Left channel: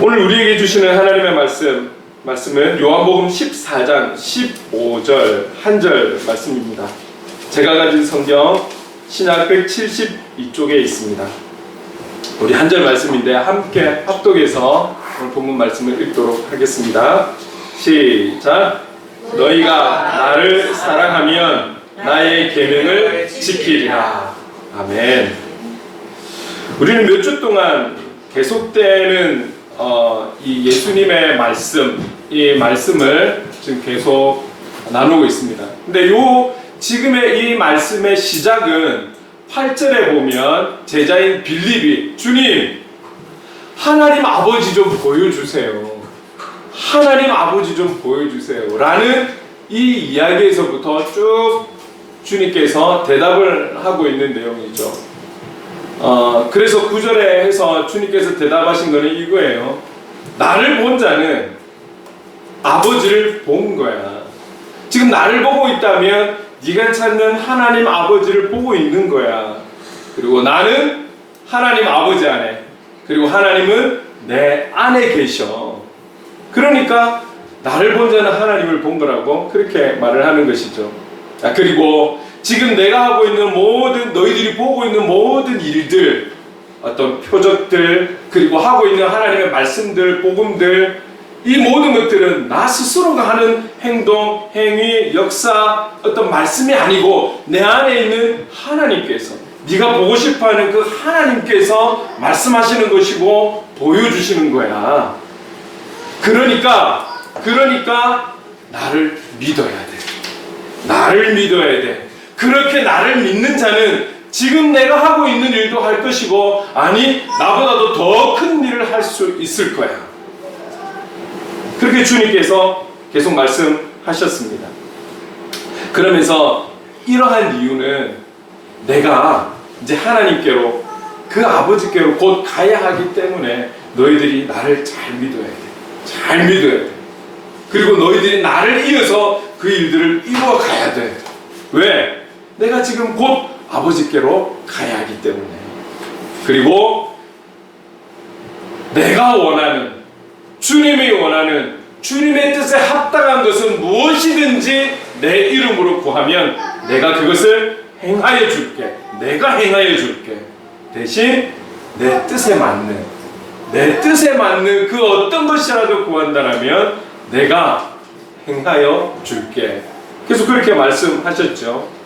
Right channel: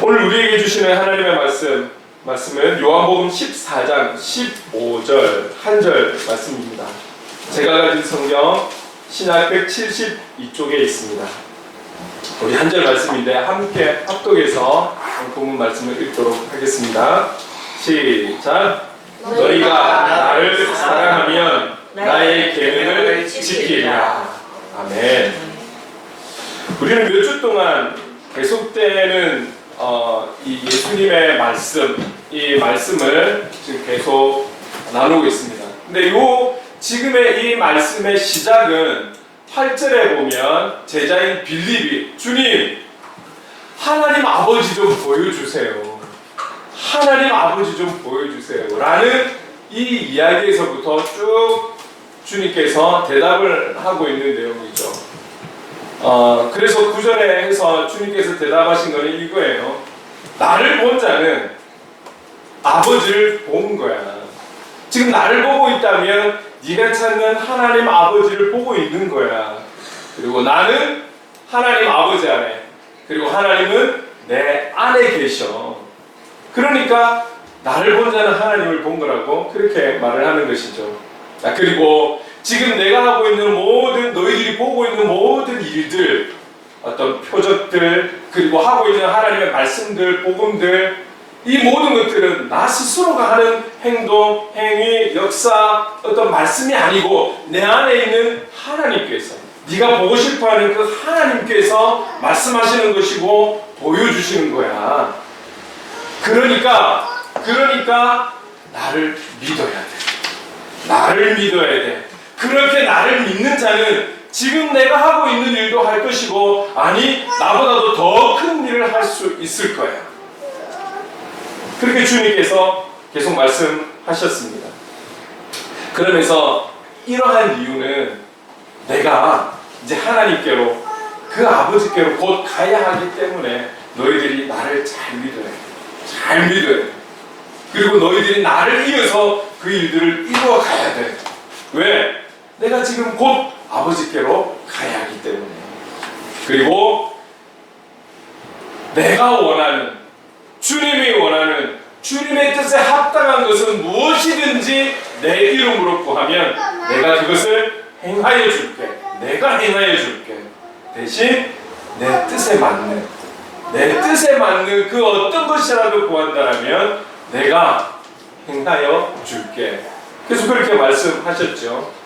오늘 우리에게 주시는 하나님의 말씀은 요한복음 14장 15절 한 절 말씀입니다. 제가 가진 성경 신약 172쪽에 있습니다. 우리 한 절 말씀인데 함께 합독해서 본문 말씀을 읽도록 하겠습니다. 시작. 너희가 나를 사랑하면 나의 계명을 지키리라. 아멘. 우리는 몇 주 동안 계속되는 이 예수님의 이 말씀을 지금 계속 나누고 있습니다. 근데 지금의 이 말씀의 시작은 8절에 보면 제자인 빌립이 주님, 하나님 아버지 좀 보여주세요. 하나님 아버지 좀 보여주세요. 라는 이 이야기에서부터 쭉 주님께서 대답을 하고 있는 내용이죠. 그래서 9절에 해서 주님께서 대답하신 거는 이거예요. 나를 본 자는 아버지를 본 거야. 지금 나를 보고 있다면 네가 찾는 하나님 아버지를 보고 있는 거야. 그리고 나는 하나님 아버지 안에, 그리고 하나님은 내 안에 계셔. 그러니까 나를 본 자는 하나님을 본 거라고 그렇게 말을 하는 것이죠. 그리고 지금 내가 하고 있는 너희들이 보고 있는 모든 일들, 어떤 표적들, 그리고 하고 있는 하나님의 말씀들, 복음들, 이 모든 것들은 나 스스로가 하는 행동, 행위, 역사, 어떤 말씀이 아니고 내 안에 있는 하나님께서, 네가 보고 싶어하는 그 하나님께서 말씀하시는 것이고 보여주시는 거야. 그러니까 나를 믿어야 돼. 나를 믿어야 돼. 그렇게 나를 믿는 자는 지금 내가 하고 있는 일도 할 것이고, 아니 나보다도 더 큰 일을 할 수 있을 거야. 그렇게 주님께서 계속 말씀하셨습니다. 그러면서 이러한 이유는 내가 이제 하나님께로, 그 아버지께로 곧 가야 하기 때문에 너희들이 나를 잘 믿어야 돼. 잘 믿어야 돼. 그리고 너희들이 나를 이어서 그 일들을 이루어 가야 돼. 왜? 내가 지금 곧 아버지께로 가야 하기 때문에. 그리고 내가 원하는, 주님이 원하는, 주님의 뜻에 합당한 것은 무엇이든지 내 이름으로 구하면 내가 그것을 행하여 줄게. 내가 행하여 줄게. 대신 내 뜻에 맞는 그 어떤 것이라도 구한다면 내가 행하여 줄게. 그래서 그렇게 말씀하셨죠.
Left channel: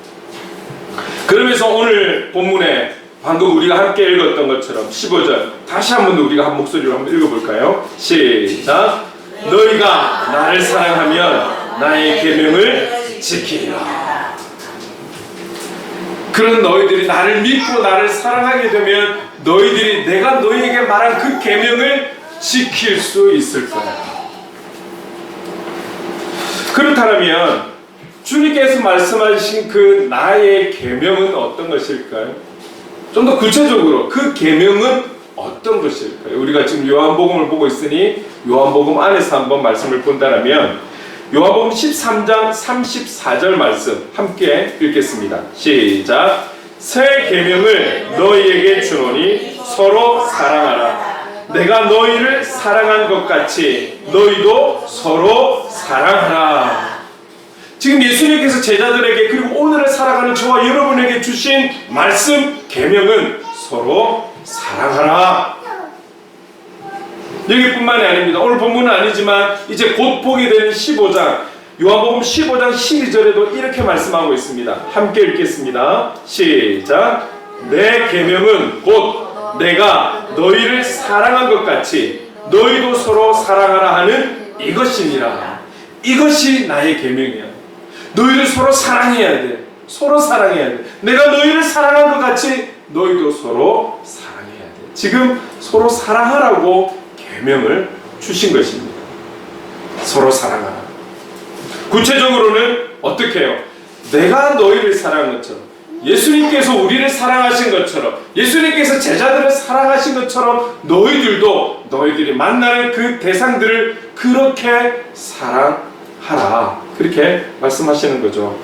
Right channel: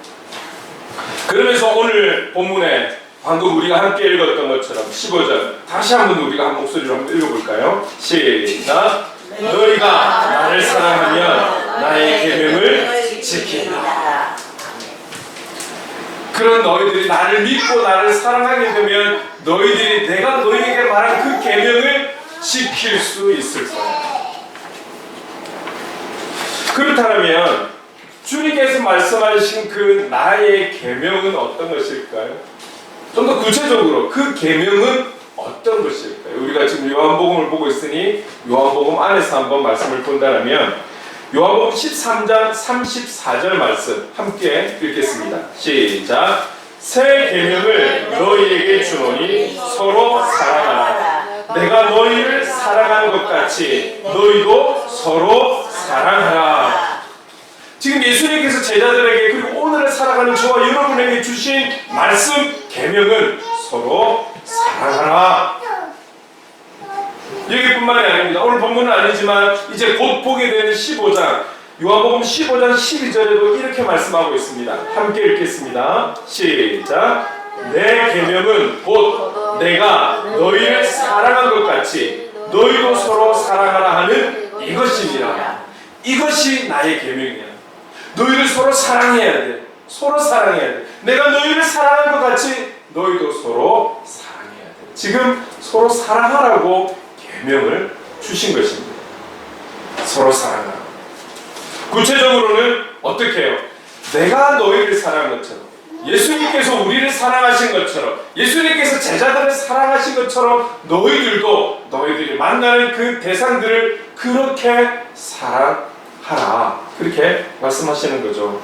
그러면서 오늘 본문에 방금 우리가 함께 읽었던 것처럼 15절 다시 한번 우리가 한 목소리로 한번 읽어볼까요? 시작. 너희가 나를 사랑하면 나의 계명을 지키라. 그런 너희들이 나를 믿고 나를 사랑하게 되면 너희들이 내가 너희에게 말한 그 계명을 지킬 수 있을 거야. 그렇다면 주님께서 말씀하신 그 나의 계명은 어떤 것일까요? 좀 더 구체적으로 그 계명은 어떤 것일까요? 우리가 지금 요한복음을 보고 있으니 요한복음 안에서 한번 말씀을 본다면 요한복음 13장 34절 말씀 함께 읽겠습니다. 시작. 새 계명을 너희에게 주노니 서로 사랑하라. 내가 너희를 사랑한 것 같이 너희도 서로 사랑하라. 지금 예수님께서 제자들에게, 그리고 오늘을 살아가는 저와 여러분에게 주신 말씀, 계명은 서로 사랑하라. 여기뿐만이 아닙니다. 오늘 본문은 아니지만 이제 곧 보게 되는 15장, 요한복음 15장 12절에도 이렇게 말씀하고 있습니다. 함께 읽겠습니다. 시작. 내 계명은 곧 내가 너희를 사랑한 것 같이 너희도 서로 사랑하라 하는 이것이니라. 이것이 나의 계명이야. 너희를 서로 사랑해야 돼. 서로 사랑해야 돼. 내가 너희를 사랑한 것 같이 너희도 서로 사랑해야 돼. 지금 서로 사랑하라고 계명을 주신 것입니다. 서로 사랑하라. 구체적으로는 어떻게 해요? 내가 너희를 사랑한 것처럼, 예수님께서 우리를 사랑하신 것처럼, 예수님께서 제자들을 사랑하신 것처럼 너희들이 만나는 그 대상들을 그렇게 사랑하라. 그렇게 말씀하시는 거죠.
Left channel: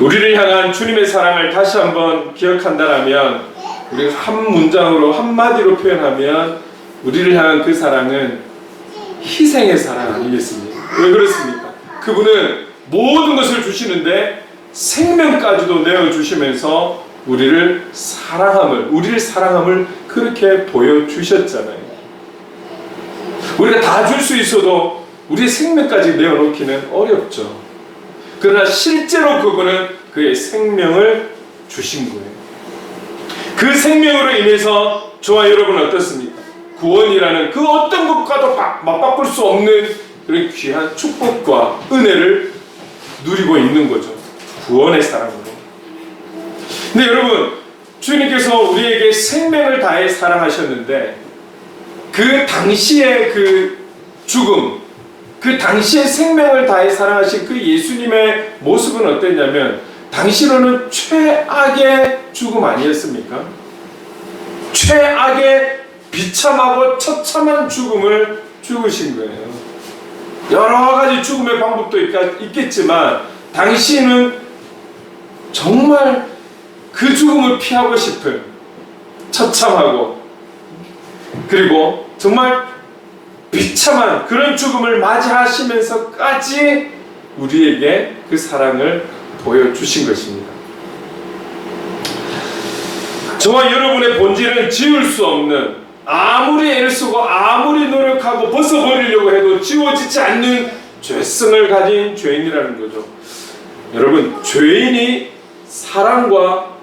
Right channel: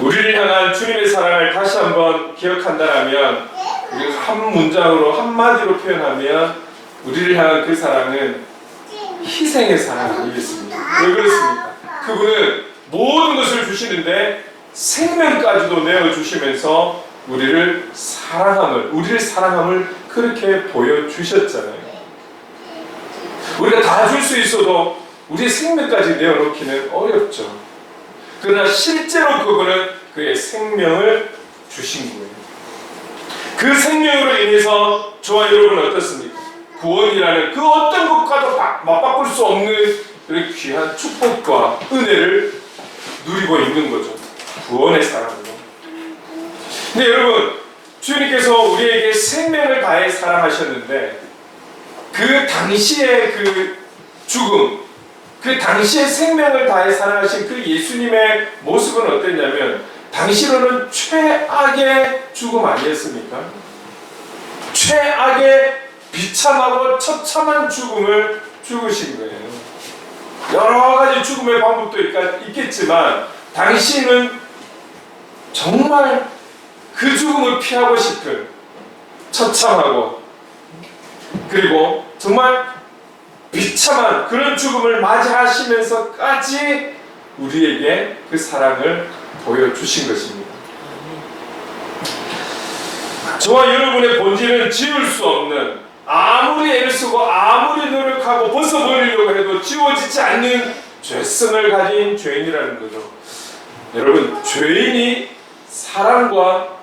우리를 향한 주님의 사랑을 다시 한번 기억한다면, 우리가 한 문장으로, 한마디로 표현하면 우리를 향한 그 사랑은 희생의 사랑 아니겠습니까? 왜 그렇습니까? 그분은 모든 것을 주시는데 생명까지도 내어주시면서 우리를 사랑함을 그렇게 보여주셨잖아요. 우리가 다 줄 수 있어도 우리의 생명까지 내어놓기는 어렵죠. 그러나 실제로 그분은 그의 생명을 주신 거예요. 그 생명으로 인해서 저와 여러분은 어떻습니까? 구원이라는 그 어떤 것과도 맞바꿀 수 없는 그런 귀한 축복과 은혜를 누리고 있는 거죠. 구원의 사랑으로. 근데 여러분, 주님께서 우리에게 생명을 다해 사랑하셨는데 그 당시의 그 죽음, 그 당시에 생명을 다해 사랑하신 그 예수님의 모습은 어땠냐면 당시로는 최악의 죽음 아니었습니까? 최악의 비참하고 처참한 죽음을 죽으신 거예요. 여러 가지 죽음의 방법도 있겠지만 당시는 정말 그 죽음을 피하고 싶은 처참하고 그리고 정말 비참한 그런 죽음을 맞이하시면서까지 우리에게 그 사랑을 보여주신 것입니다. 저와 여러분의 본질은 지울 수 없는, 아무리 애를 쓰고 아무리 노력하고 벗어버리려고 해도 지워지지 않는 죄성을 가진 죄인이라는 거죠. 여러분, 죄인이 사랑과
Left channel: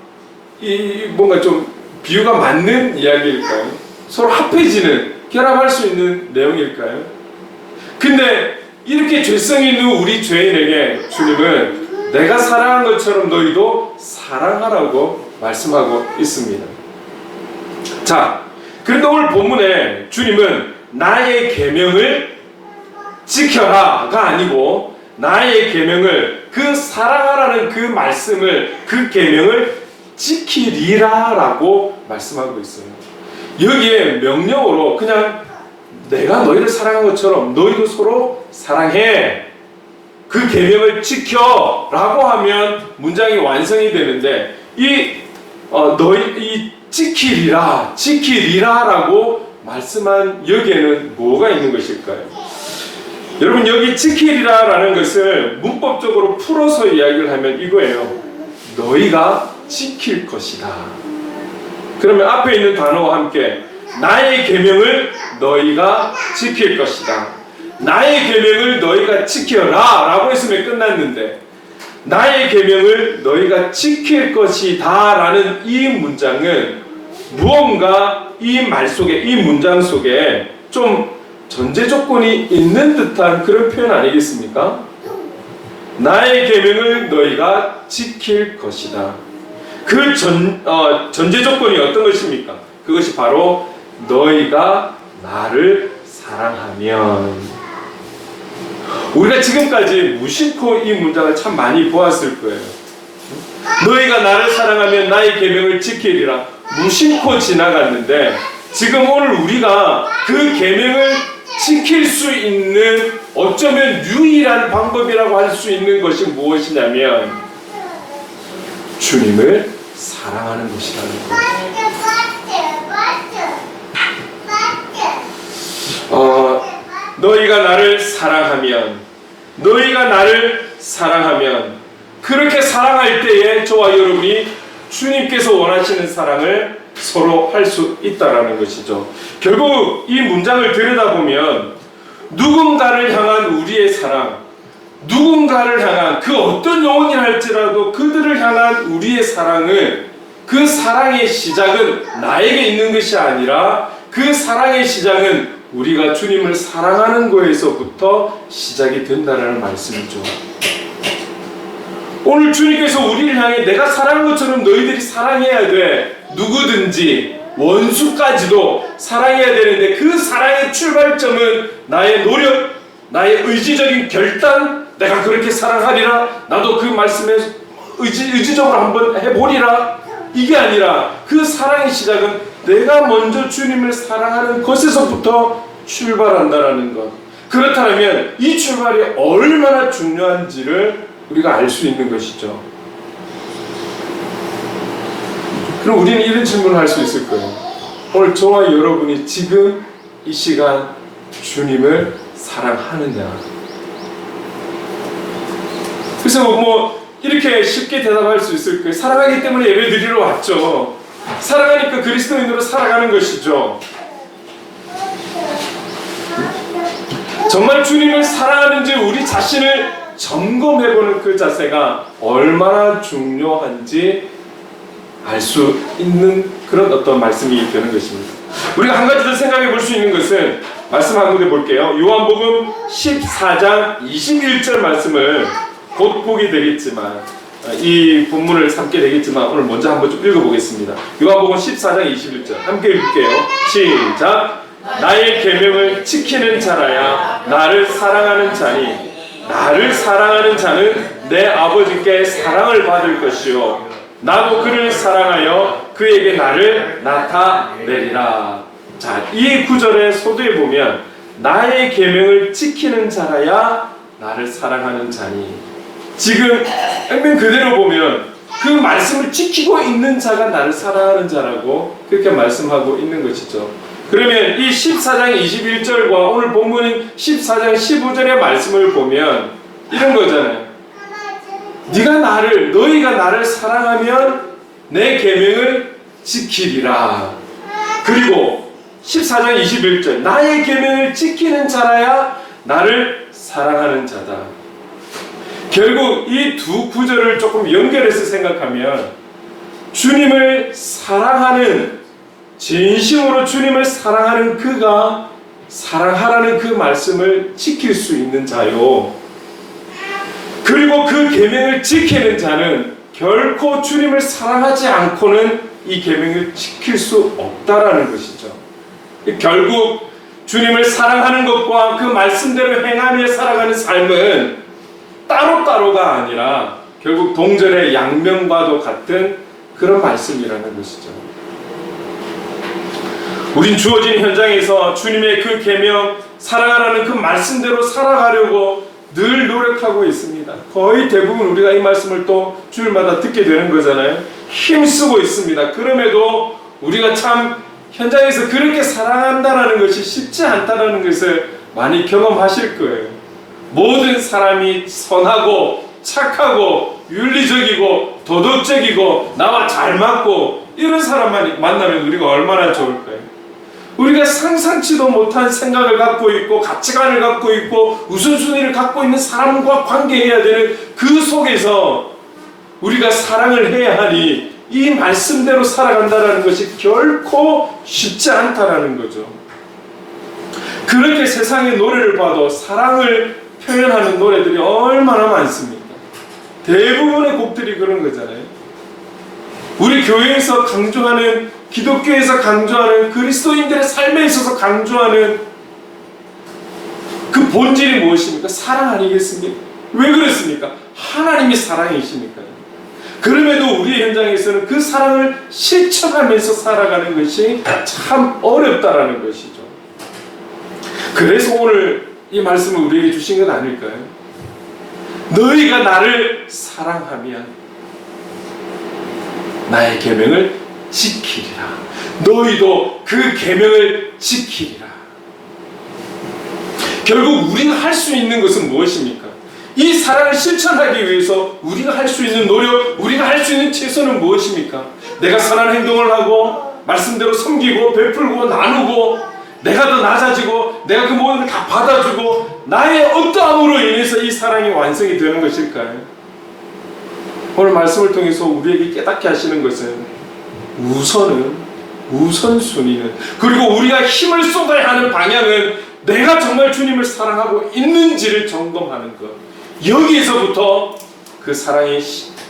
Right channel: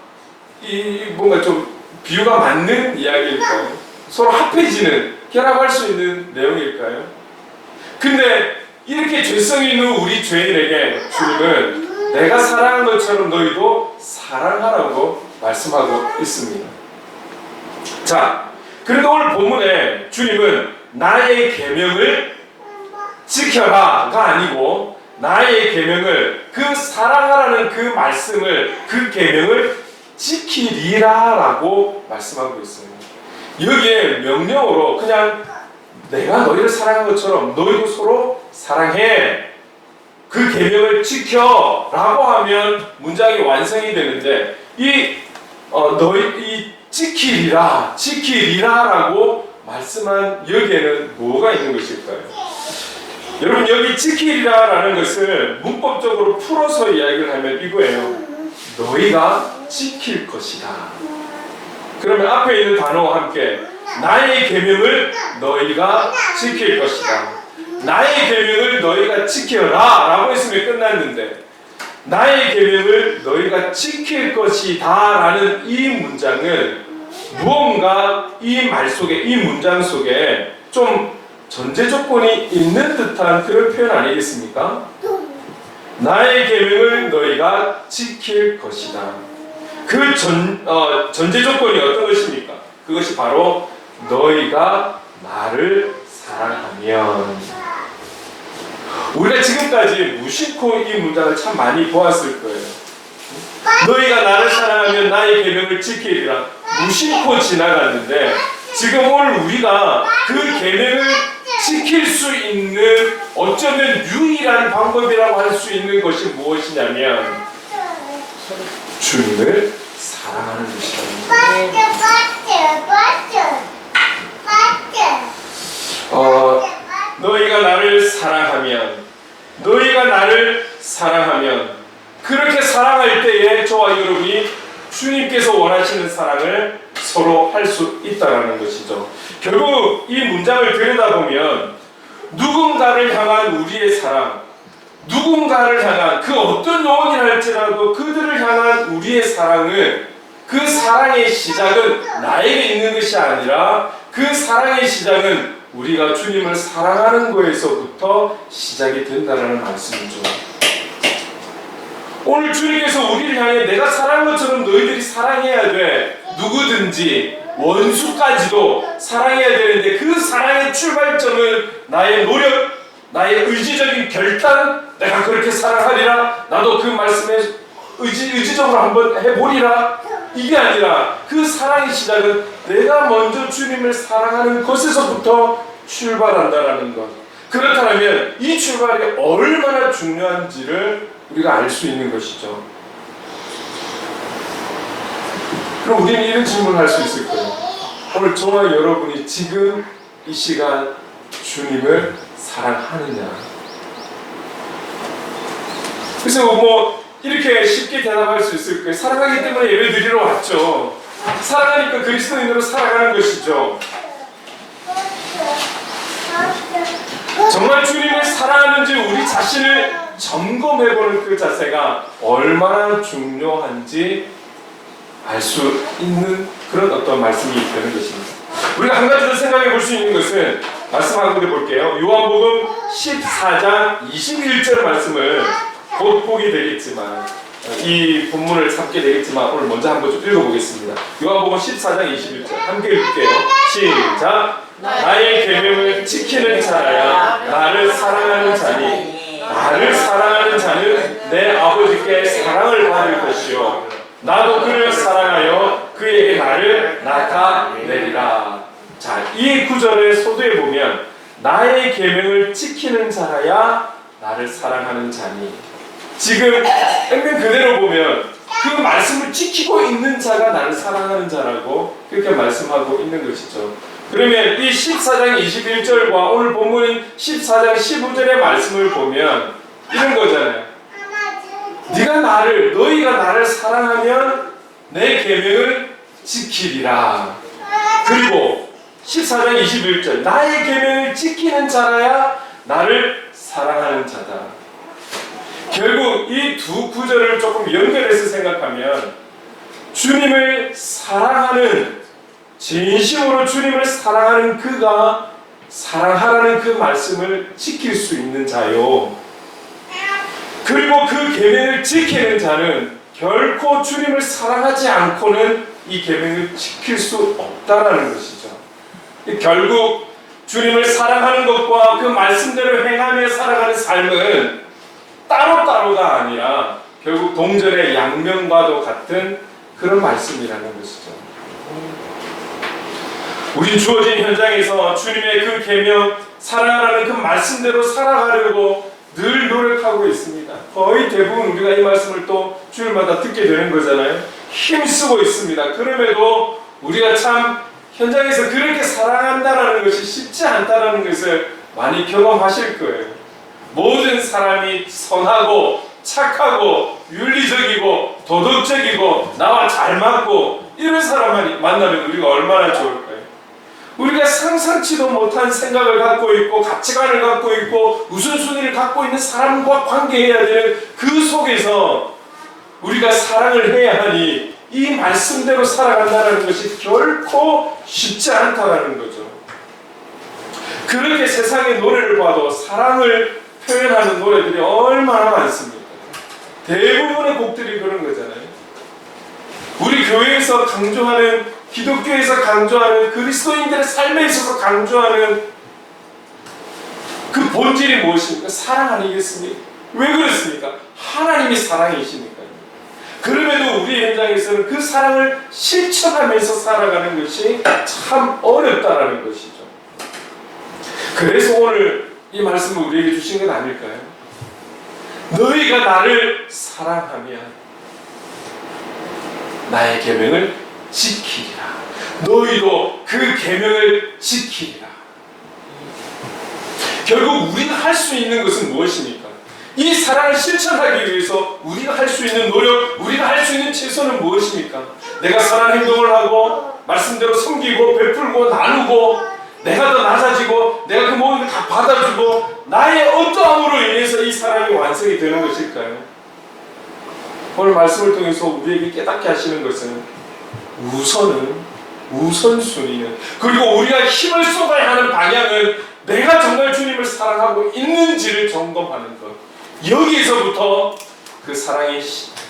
뭔가 좀 비유가 맞는 이야기일까요? 서로 합해지는, 결합할 수 있는 내용일까요? 근데 이렇게 죄성이 있는 우리 죄인에게 주님은 내가 사랑한 것처럼 너희도 사랑하라고 말씀하고 있습니다. 자, 그런데 오늘 본문에 주님은 나의 계명을 지켜라가 아니고 나의 계명을, 그 사랑하라는 그 말씀을, 그 계명을 지키리라라고 말씀하고 있어요. 여기에 명령어로 그냥 내가 너희를 사랑한 것처럼 너희도 서로 사랑해, 그 계명을 지켜라고 하면 문장이 완성이 되는데 이 지키리라라고 말씀한 여기에는 뭐가 있는 것일까요? 여러분, 여기 지키리라라는 것을 문법적으로 풀어서 이야기를 하면 이거예요. 너희가 지킬 것이다. 그러면 앞에 있는 단어와 함께 나의 계명을 너희가 지킬 것이다. 나의 계명을 너희가 지켜라 라고 했으면 끝났는데 나의 계명을 너희가 지킬 것이다 라는 이 문장은 무언가 이 말 속에, 이 문장 속에 좀 전제 조건이 있는 듯한 그런 표현 아니겠습니까? 나의 계명을 너희가 지킬 것이다. 그 전제 조건이 어떤 것입니까? 그것이 바로 너희가 나를 사랑하면. 우리가 지금까지 무심코 이 문장을 참 많이 보았을 거예요. 너희가 나를 사랑하면 나의 계명을 지키리라. 무심코 지나갔는데 지금 오늘 우리가 그 계명을 지킬 수 있는 어쩌면 유일한 방법이라고 할 수 있는 것이 무엇이냐면 주님을 사랑하는 것이라는 거예요. 너희가 나를 사랑하면 그렇게 사랑할 때에 저와 여러분이 주님께서 원하시는 사랑을 서로 할 수 있다라는 것이죠. 결국 이 문장을 들여다보면 누군가를 향한 우리의 사랑, 누군가를 향한 그 어떤 영혼이 할지라도 그들을 향한 우리의 사랑은, 그 사랑의 시작은 나에게 있는 것이 아니라 그 사랑의 시작은 우리가 주님을 사랑하는 거에서부터 시작이 된다는 말씀이죠. 오늘 주님께서 우리를 향해 내가 사랑한 것처럼 너희들이 사랑해야 돼. 누구든지 원수까지도 사랑해야 되는데 그 사랑의 출발점은 나의 노력, 나의 의지적인 결단, 내가 그렇게 사랑하리라, 나도 그 말씀에 의지적으로 한번 해보리라, 이게 아니라 그 사랑의 시작은 내가 먼저 주님을 사랑하는 것에서부터 출발한다는 것. 그렇다면 이 출발이 얼마나 중요한지를 우리가 알 수 있는 것이죠. 그럼 우리는 이런 질문을 할 수 있을 거예요. 오늘 저와 여러분이 지금 이 시간 주님을 사랑하느냐? 그래서 뭐 이렇게 쉽게 대답할 수 있을 거예요. 사랑하기 때문에 예배 드리러 왔죠. 사랑하니까 그리스도인으로 살아가는 것이죠. 정말 주님을 사랑하는지 우리 자신을 점검해보는 그 자세가 얼마나 중요한지 알 수 있는 그런 어떤 말씀이 되는 것입니다. 우리가 한 가지 더 생각해 볼 수 있는 것은 말씀 한 군데 볼게요. 요한복음 14장 21절 말씀을 곧 보게 되겠지만 이 본문을 삼게 되겠지만 오늘 먼저 한번 좀 읽어보겠습니다. 요한복음 14장 21절 함께 읽을게요. 시작. 나의 계명을 지키는 자라야 나를 사랑하는 자니 나를 사랑하는 자는 내 아버지께 사랑을 받을 것이요 나도 그를 사랑하여 그에게 나를 나타내리라. 자, 이 구절의 소두에 보면 나의 계명을 지키는 자라야 나를 사랑하는 자니, 지금 액면 그대로 보면 그 말씀을 지키고 있는 자가 나를 사랑하는 자라고 그렇게 말씀하고 있는 것이죠. 그러면 이 14장 21절과 오늘 본문인 14장 15절의 말씀을 보면 이런 거잖아요. 너희가 나를 사랑하면 내 계명을 지키리라. 그리고 14장 21절 나의 계명을 지키는 자라야 나를 사랑하는 자다. 결국 이 두 구절을 조금 연결해서 생각하면 주님을 사랑하는, 진심으로 주님을 사랑하는 그가 사랑하라는 그 말씀을 지킬 수 있는 자요, 그리고 그 계명을 지키는 자는 결코 주님을 사랑하지 않고는 이 계명을 지킬 수 없다라는 것이죠. 결국 주님을 사랑하는 것과 그 말씀대로 행하며 살아가는 삶은 따로따로가 아니라 결국 동전의 양면과도 같은 그런 말씀이라는 것이죠. 우린 주어진 현장에서 주님의 그 계명, 사랑하라는 그 말씀대로 살아가려고 늘 노력하고 있습니다. 거의 대부분 우리가 이 말씀을 또 주일마다 듣게 되는 거잖아요. 힘쓰고 있습니다. 그럼에도 우리가 참 현장에서 그렇게 사랑한다는 것이 쉽지 않다는 것을 많이 경험하실 거예요. 모든 사람이 선하고 착하고 윤리적이고 도덕적이고 나와 잘 맞고 이런 사람만 만나면 우리가 얼마나 좋을까요? 우리가 상상치도 못한 생각을 갖고 있고 가치관을 갖고 있고 우선순위를 갖고 있는 사람과 관계해야 되는 그 속에서 우리가 사랑을 해야 하니 이 말씀대로 살아간다는 것이 결코 쉽지 않다는 거죠. 그렇게 세상의 노래를 봐도 사랑을 표현하는 노래들이 얼마나 많습니까? 대부분의 곡들이 그런 거잖아요. 우리 교회에서 강조하는, 기독교에서 강조하는, 그리스도인들의 삶에 있어서 강조하는 그 본질이 무엇입니까? 사랑 아니겠습니까? 왜 그렇습니까? 하나님이 사랑이시니까. 그럼에도 우리 현장에서는 그 사랑을 실천하면서 살아가는 것이 참 어렵다라는 것이죠. 그래서 오늘 이 말씀을 우리에게 주신 건 아닐까요? 너희가 나를 사랑하면 나의 계명을 지키리라. 너희도 그 계명을 지키리라. 결국 우리가 할 수 있는 것은 무엇입니까? 이 사랑을 실천하기 위해서 우리가 할 수 있는 노력, 우리가 할 수 있는 최선은 무엇입니까? 내가 선한 행동을 하고 말씀대로 섬기고 베풀고 나누고 내가 더 낮아지고 내가 그 모든 걸 다 받아주고 나의 어떠함으로 인해서 이 사랑이 완성이 되는 것일까요? 오늘 말씀을 통해서 우리에게 깨닫게 하시는 것은 우선순위는, 그리고 우리가 힘을 쏟아야 하는 방향은 내가 정말 주님을 사랑하고 있는지를 점검하는 것, 여기에서부터 그 사랑이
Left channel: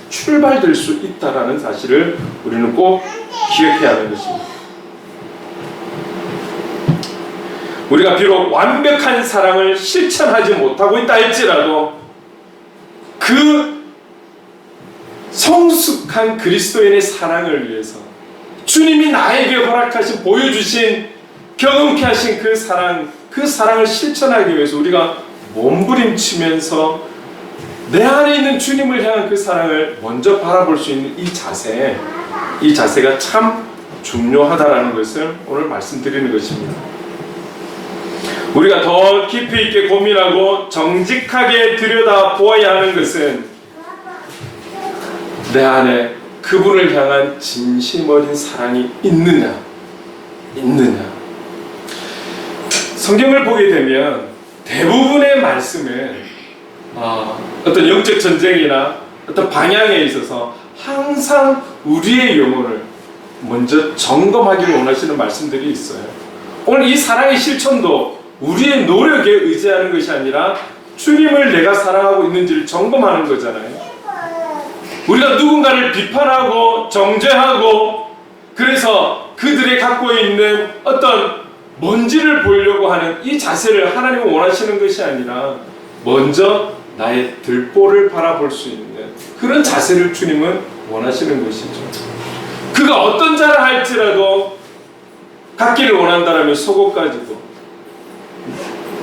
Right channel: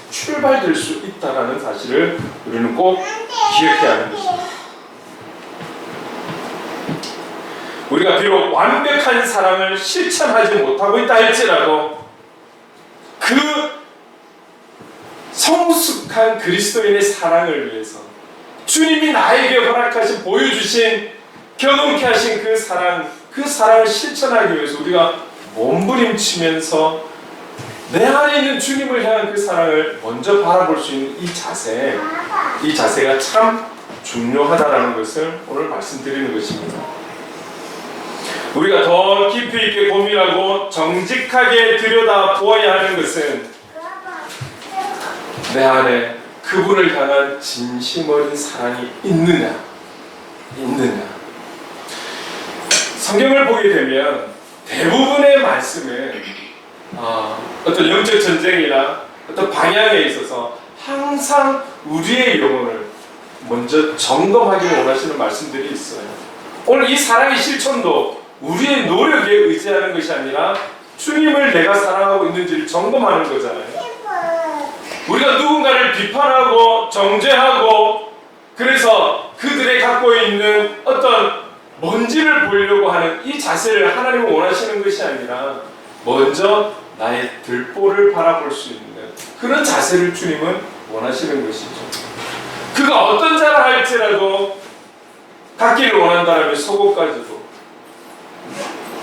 출발될 수 있다는 사실을 우리는 꼭 기억해야 하는 것입니다. 우리가 비록 완벽한 사랑을 실천하지 못하고 있다 할지라도 그 성숙한 그리스도인의 사랑을 위해서 주님이 나에게 허락하신, 보여주신, 경험케 하신 그 사랑을 실천하기 위해서 우리가 몸부림치면서 내 안에 있는 주님을 향한 그 사랑을 먼저 바라볼 수 있는 이 자세가 참 중요하다라는 것을 오늘 말씀드리는 것입니다. 우리가 더 깊이 있게 고민하고 정직하게 들여다 보아야 하는 것은 내 안에 그분을 향한 진심 어린 사랑이 있느냐. 성경을 보게 되면 대부분의 말씀은 어떤 영적 전쟁이나 어떤 방향에 있어서 항상 우리의 영혼을 먼저 점검하기를 원하시는 말씀들이 있어요. 오늘 이 사랑의 실천도 우리의 노력에 의지하는 것이 아니라 주님을 내가 사랑하고 있는지를 점검하는 거잖아요. 우리가 누군가를 비판하고 정죄하고 그래서 그들이 갖고 있는 어떤 먼지를 보려고 하는 이 자세를 하나님은 원하시는 것이 아니라 먼저 나의 들보를 바라볼 수 있는 그런 자세를 주님은 원하시는 것이죠. 그가 어떤 자를 할지라도 갖기를 원한다면 속옷 가지고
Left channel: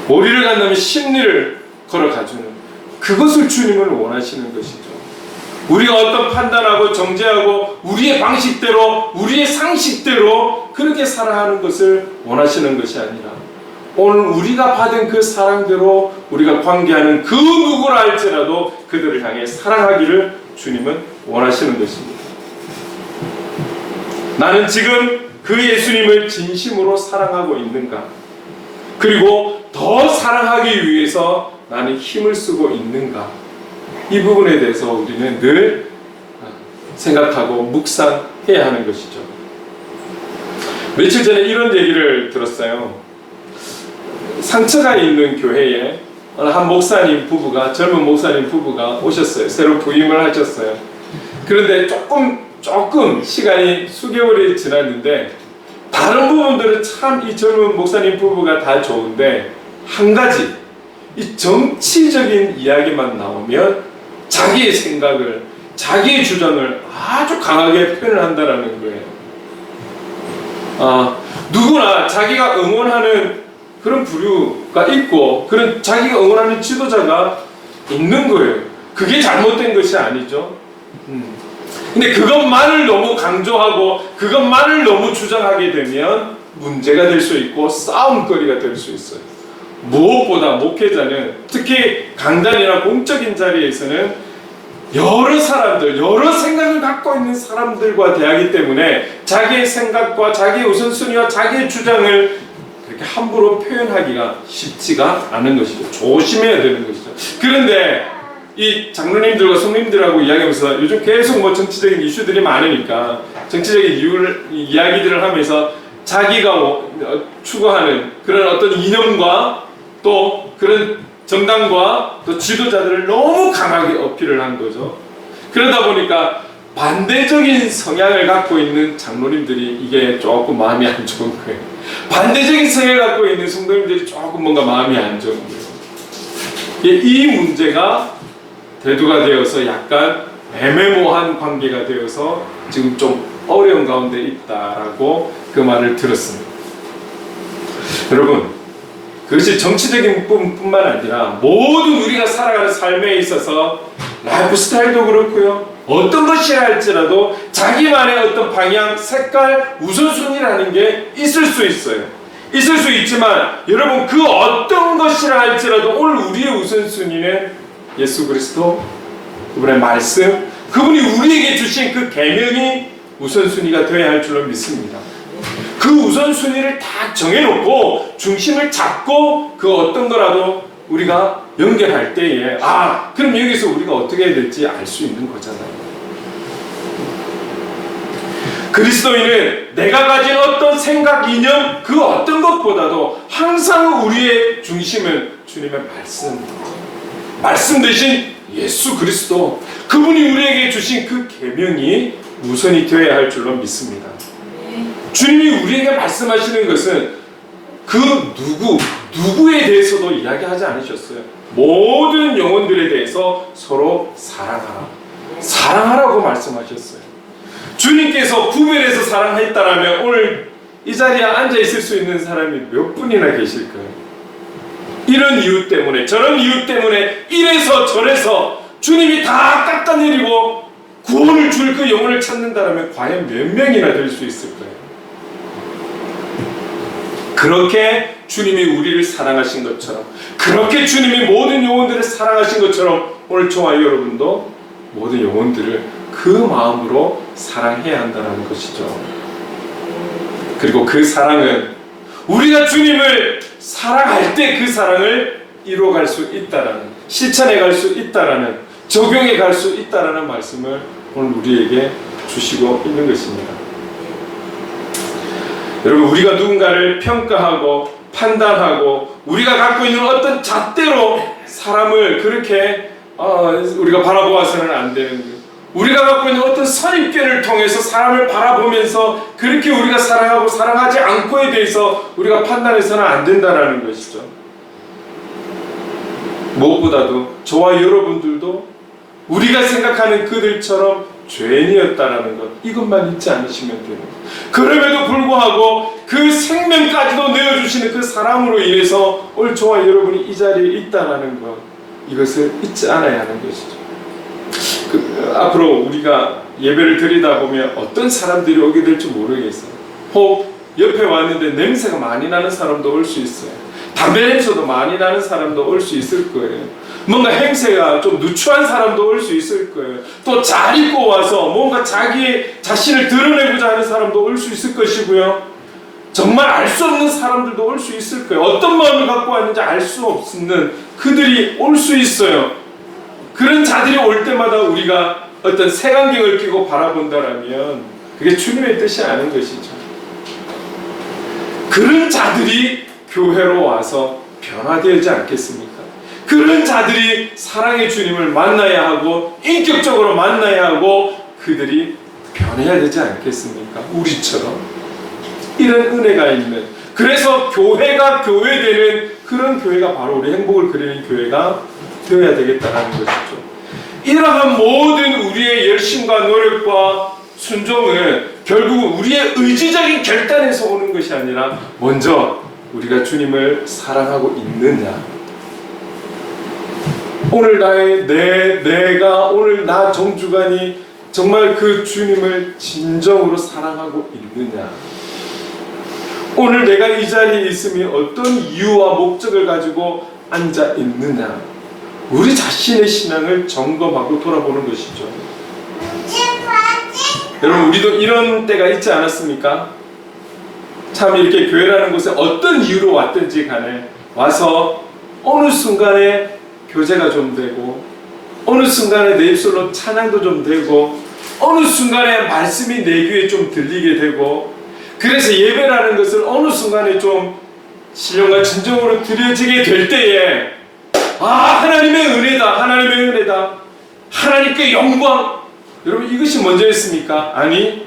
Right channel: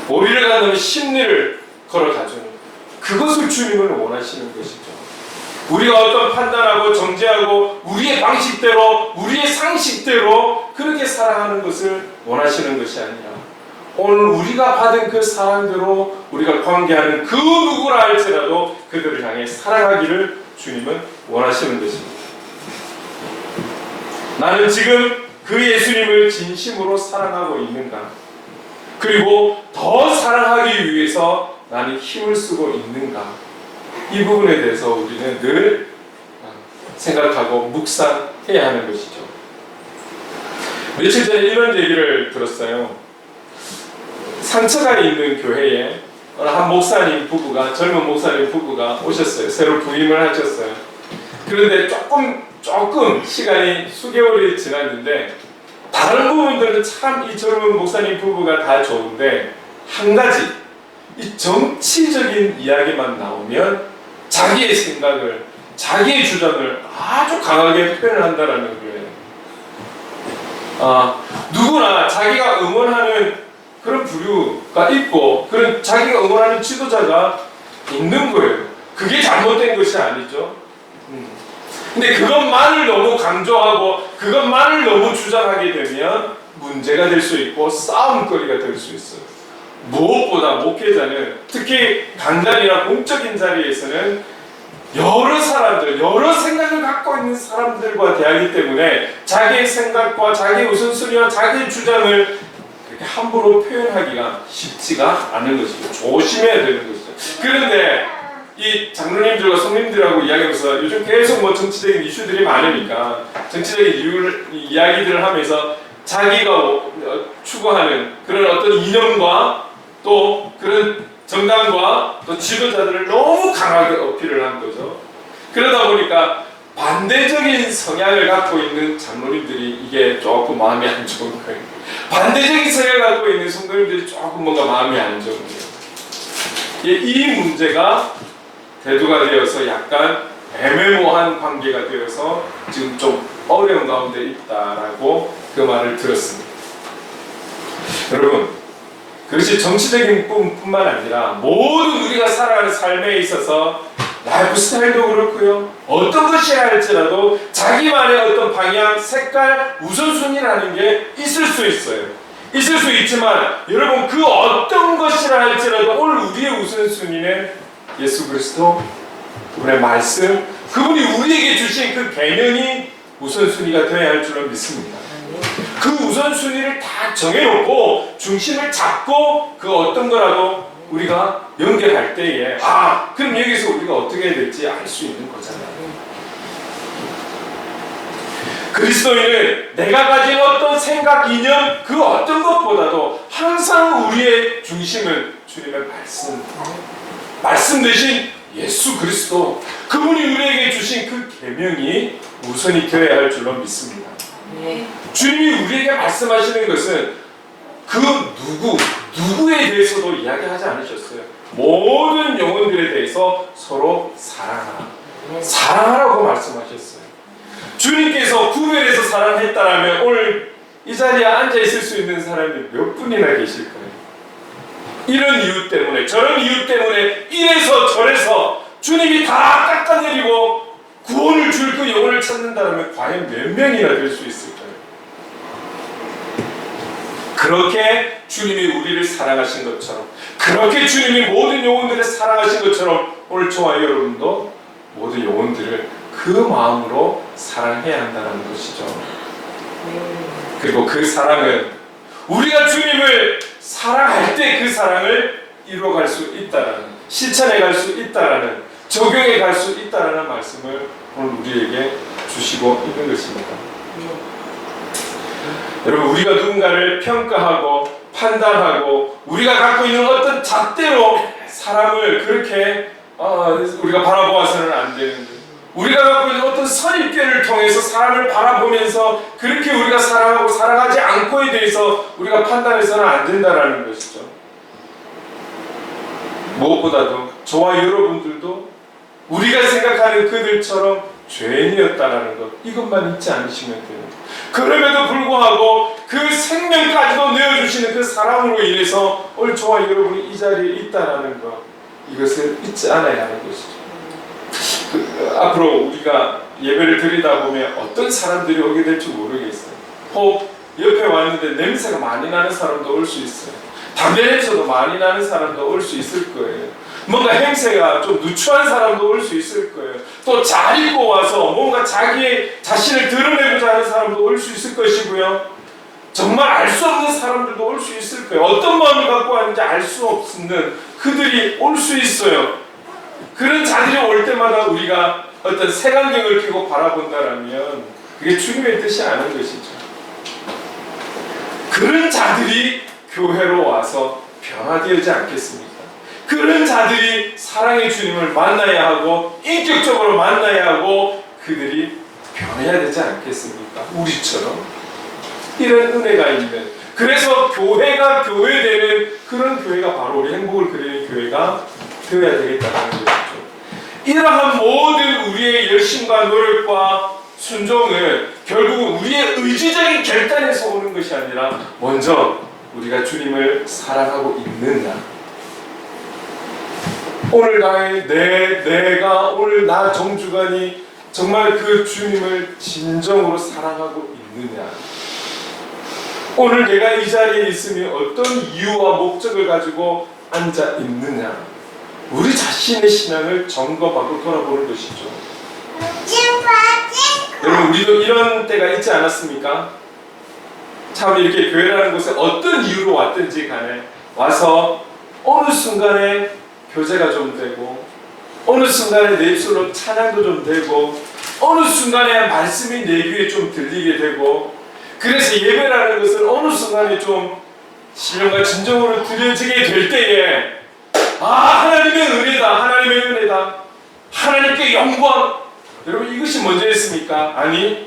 오리를 간다면 심리를 걸어가주는 그것을 주님은 원하시는 것이죠. 우리가 어떤 판단하고 정죄하고 우리의 방식대로 우리의 상식대로 그렇게 살아가는 것을 원하시는 것이 아니라 오늘 우리가 받은 그 사랑대로 우리가 관계하는 그 누구를 할지라도 그들을 향해 사랑하기를 주님은 원하시는 것입니다. 나는 지금 그 예수님을 진심으로 사랑하고 있는가? 그리고 더 사랑하기 위해서 나는 힘을 쓰고 있는가? 이 부분에 대해서 우리는 늘 생각하고 묵상해야 하는 것이죠. 며칠 전에 이런 얘기를 들었어요. 상처가 있는 교회에 어느 한 목사님 부부가 젊은 목사님 부부가 오셨어요. 새로 부임을 하셨어요. 그런데 조금 시간이 수개월이 지났는데 다른 부분들은 참 이 젊은 목사님 부부가 다 좋은데 한 가지 이 정치적인 이야기만 나오면 자기의 생각을 자기의 주장을 아주 강하게 표현을 한다라는 거예요. 누구나 자기가 응원하는 그런 부류가 있고 그런 자기가 응원하는 지도자가 있는 거예요. 그게 잘못된 것이 아니죠. 근데 그것만을 너무 강조하고 그것만을 너무 주장하게 되면 문제가 될 수 있고 싸움거리가 될 수 있어요. 무엇보다 목회자는 특히 강단이나 공적인 자리에서는 여러 사람들, 여러 생각을 갖고 있는 사람들과 대하기 때문에 자기의 생각과 자기의 우선순위와 자기의 주장을 그렇게 함부로 표현하기가 쉽지가 않은 것이죠. 조심해야 되는 것이죠. 그런데 이 장로님들과 성님들하고 이야기하면서 요즘 계속 정치적인 이슈들이 많으니까 정치적인 이야기들을 하면서 자기가 추구하는 그런 어떤 이념과 또 그런 정당과 또 지도자들을 너무 강하게 어필을 한 거죠. 그러다 보니까 반대적인 성향을 갖고 있는 장로님들이 이게 조금 마음이 안 좋은 거예요. 반대적인 성향을 갖고 있는 성도님들이 조금 뭔가 마음이 안 좋은 거예요. 이 문제가 대두가 되어서 약간 애매모호한 관계가 되어서 지금 좀 어려운 가운데 있다라고 그 말을 들었습니다. 여러분, 그것이 정치적인 부분뿐만 아니라 모든 우리가 살아가는 삶에 있어서 라이프 스타일도 그렇고요. 어떤 것이야 할지라도 자기만의 어떤 방향, 색깔, 우선순위라는 게 있을 수 있어요. 있을 수 있지만 여러분 그 어떤 것이라 할지라도 오늘 우리의 우선순위는 예수 그리스도, 그분의 말씀, 그분이 우리에게 주신 그 계명이 우선순위가 되어야 할 줄로 믿습니다. 그 우선순위를 다 정해놓고 중심을 잡고 그 어떤 거라도 우리가 연결할 때에 그럼 여기서 우리가 어떻게 해야 될지 알 수 있는 거잖아요. 그리스도인은 내가 가진 어떤 생각, 이념 그 어떤 것보다도 항상 우리의 중심은 주님의 말씀 대신 예수 그리스도, 그분이 우리에게 주신 그 계명이 우선이 되어야 할 줄로 믿습니다. 주님이 우리에게 말씀하시는 것은 그 누구에 대해서도 이야기하지 않으셨어요. 모든 영혼들에 대해서 서로 사랑하라고 말씀하셨어요. 주님께서 구별해서 사랑했다라면 오늘 이 자리에 앉아 있을 수 있는 사람이 몇 분이나 계실까요? 이런 이유 때문에 저런 이유 때문에 이래서 저래서 주님이 다 깎아내리고 구원을 줄 그 영혼을 찾는다라면 과연 몇 명이나 될 수 있을까요? 그렇게 주님이 우리를 사랑하신 것처럼, 그렇게 주님이 모든 영혼들을 사랑하신 것처럼 오늘 저와 여러분도 모든 영혼들을 그 마음으로 사랑해야 한다는 것이죠. 그리고 그 사랑은 우리가 주님을 사랑할 때 그 사랑을 이루어갈 수 있다라는, 실천해 갈 수 있다라는, 적용해 갈 수 있다라는 말씀을 오늘 우리에게 주시고 있는 것입니다. 여러분, 우리가 누군가를 평가하고 판단하고 우리가 갖고 있는 어떤 잣대로 사람을 그렇게 우리가 바라보아서는 안 되는, 우리가 갖고 있는 어떤 선입견을 통해서 사람을 바라보면서 그렇게 우리가 사랑하고 사랑하지 않고에 대해서 우리가 판단해서는 안 된다라는 것이죠. 무엇보다도 저와 여러분들도 우리가 생각하는 그들처럼 죄인이었다라는 것, 이것만 잊지 않으시면 돼요. 그럼에도 불구하고 그 생명까지도 내어주시는 그 사랑으로 인해서 오늘 저와 여러분이 이 자리에 있다라는 것, 이것을 잊지 않아야 하는 것이죠. 앞으로 우리가 예배를 드리다 보면 어떤 사람들이 오게 될지 모르겠어요. 혹 옆에 왔는데 냄새가 많이 나는 사람도 올 수 있어요. 담배 냄새도 많이 나는 사람도 올 수 있을 거예요. 뭔가 행세가 좀 누추한 사람도 올 수 있을 거예요. 또 잘 입고 와서 뭔가 자기 자신을 드러내고자 하는 사람도 올 수 있을 것이고요. 정말 알 수 없는 사람들도 올 수 있을 거예요. 어떤 마음을 갖고 왔는지 알 수 없는 그들이 올 수 있어요. 그런 자들이 올 때마다 우리가 어떤 색안경을 끼고 바라본다라면 그게 주님의 뜻이 아닌 것이죠. 그런 자들이 교회로 와서 변화되지 않겠습니까? 그런 자들이 사랑의 주님을 만나야 하고 인격적으로 만나야 하고 그들이 변해야 되지 않겠습니까? 우리처럼 이런 은혜가 있는, 그래서 교회가 교회되는 그런 교회가 바로 우리 행복을 그리는 교회가 되어야 되겠다는 것이죠. 이러한 모든 우리의 열심과 노력과 순종은 결국 우리의 의지적인 결단에서 오는 것이 아니라 먼저 우리가 주님을 사랑하고 있느냐, 오늘 내가 오늘 나 정주간이 정말 그 주님을 진정으로 사랑하고 있느냐, 오늘 내가 이 자리에 있으면 어떤 이유와 목적을 가지고 앉아 있느냐, 우리 자신의 신앙을 점검하고 돌아보는 것이죠. 여러분, 우리도 이런 때가 있지 않았습니까? 참 이렇게 교회라는 곳에 어떤 이유로 왔든지 간에 와서 어느 순간에 교제가 좀 되고, 어느 순간에 내 입술로 찬양도 좀 되고, 어느 순간에 말씀이 내 귀에 좀 들리게 되고, 그래서 예배라는 것을 어느 순간에 좀 신령과 진정으로 드려지게 될 때에 하나님의 은혜다, 하나님의 은혜다, 하나님께 영광. 여러분, 이것이 먼저였습니까? 아니,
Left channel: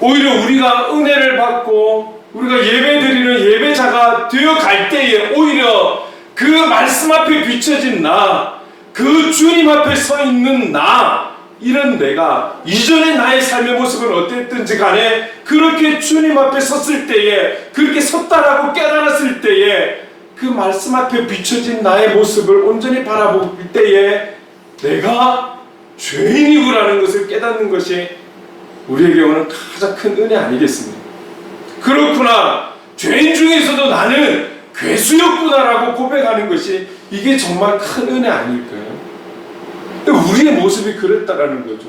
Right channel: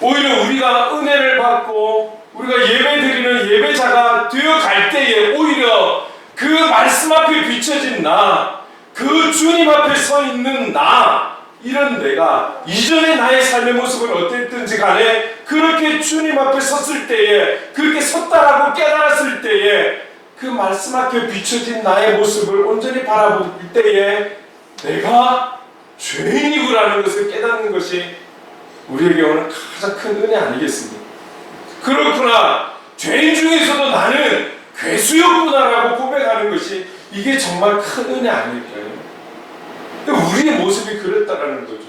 오히려 우리가 은혜를 받고 우리가 예배드리는 예배자가 되어갈 때에 오히려 그 말씀 앞에 비춰진 나, 그 주님 앞에 서 있는 나, 이런 내가 이전의 나의 삶의 모습은 어땠든지 간에 그렇게 주님 앞에 섰을 때에, 그렇게 섰다라고 깨달았을 때에 그 말씀 앞에 비춰진 나의 모습을 온전히 바라볼 때에 내가 죄인이구라는 것을 깨닫는 것이 우리에게 오는 가장 큰 은혜 아니겠습니까? 그렇구나, 죄인 중에서도 나는 괴수였구나라고 고백하는 것이 이게 정말 큰 은혜 아닐까요? 우리의 모습이 그랬다라는 거죠.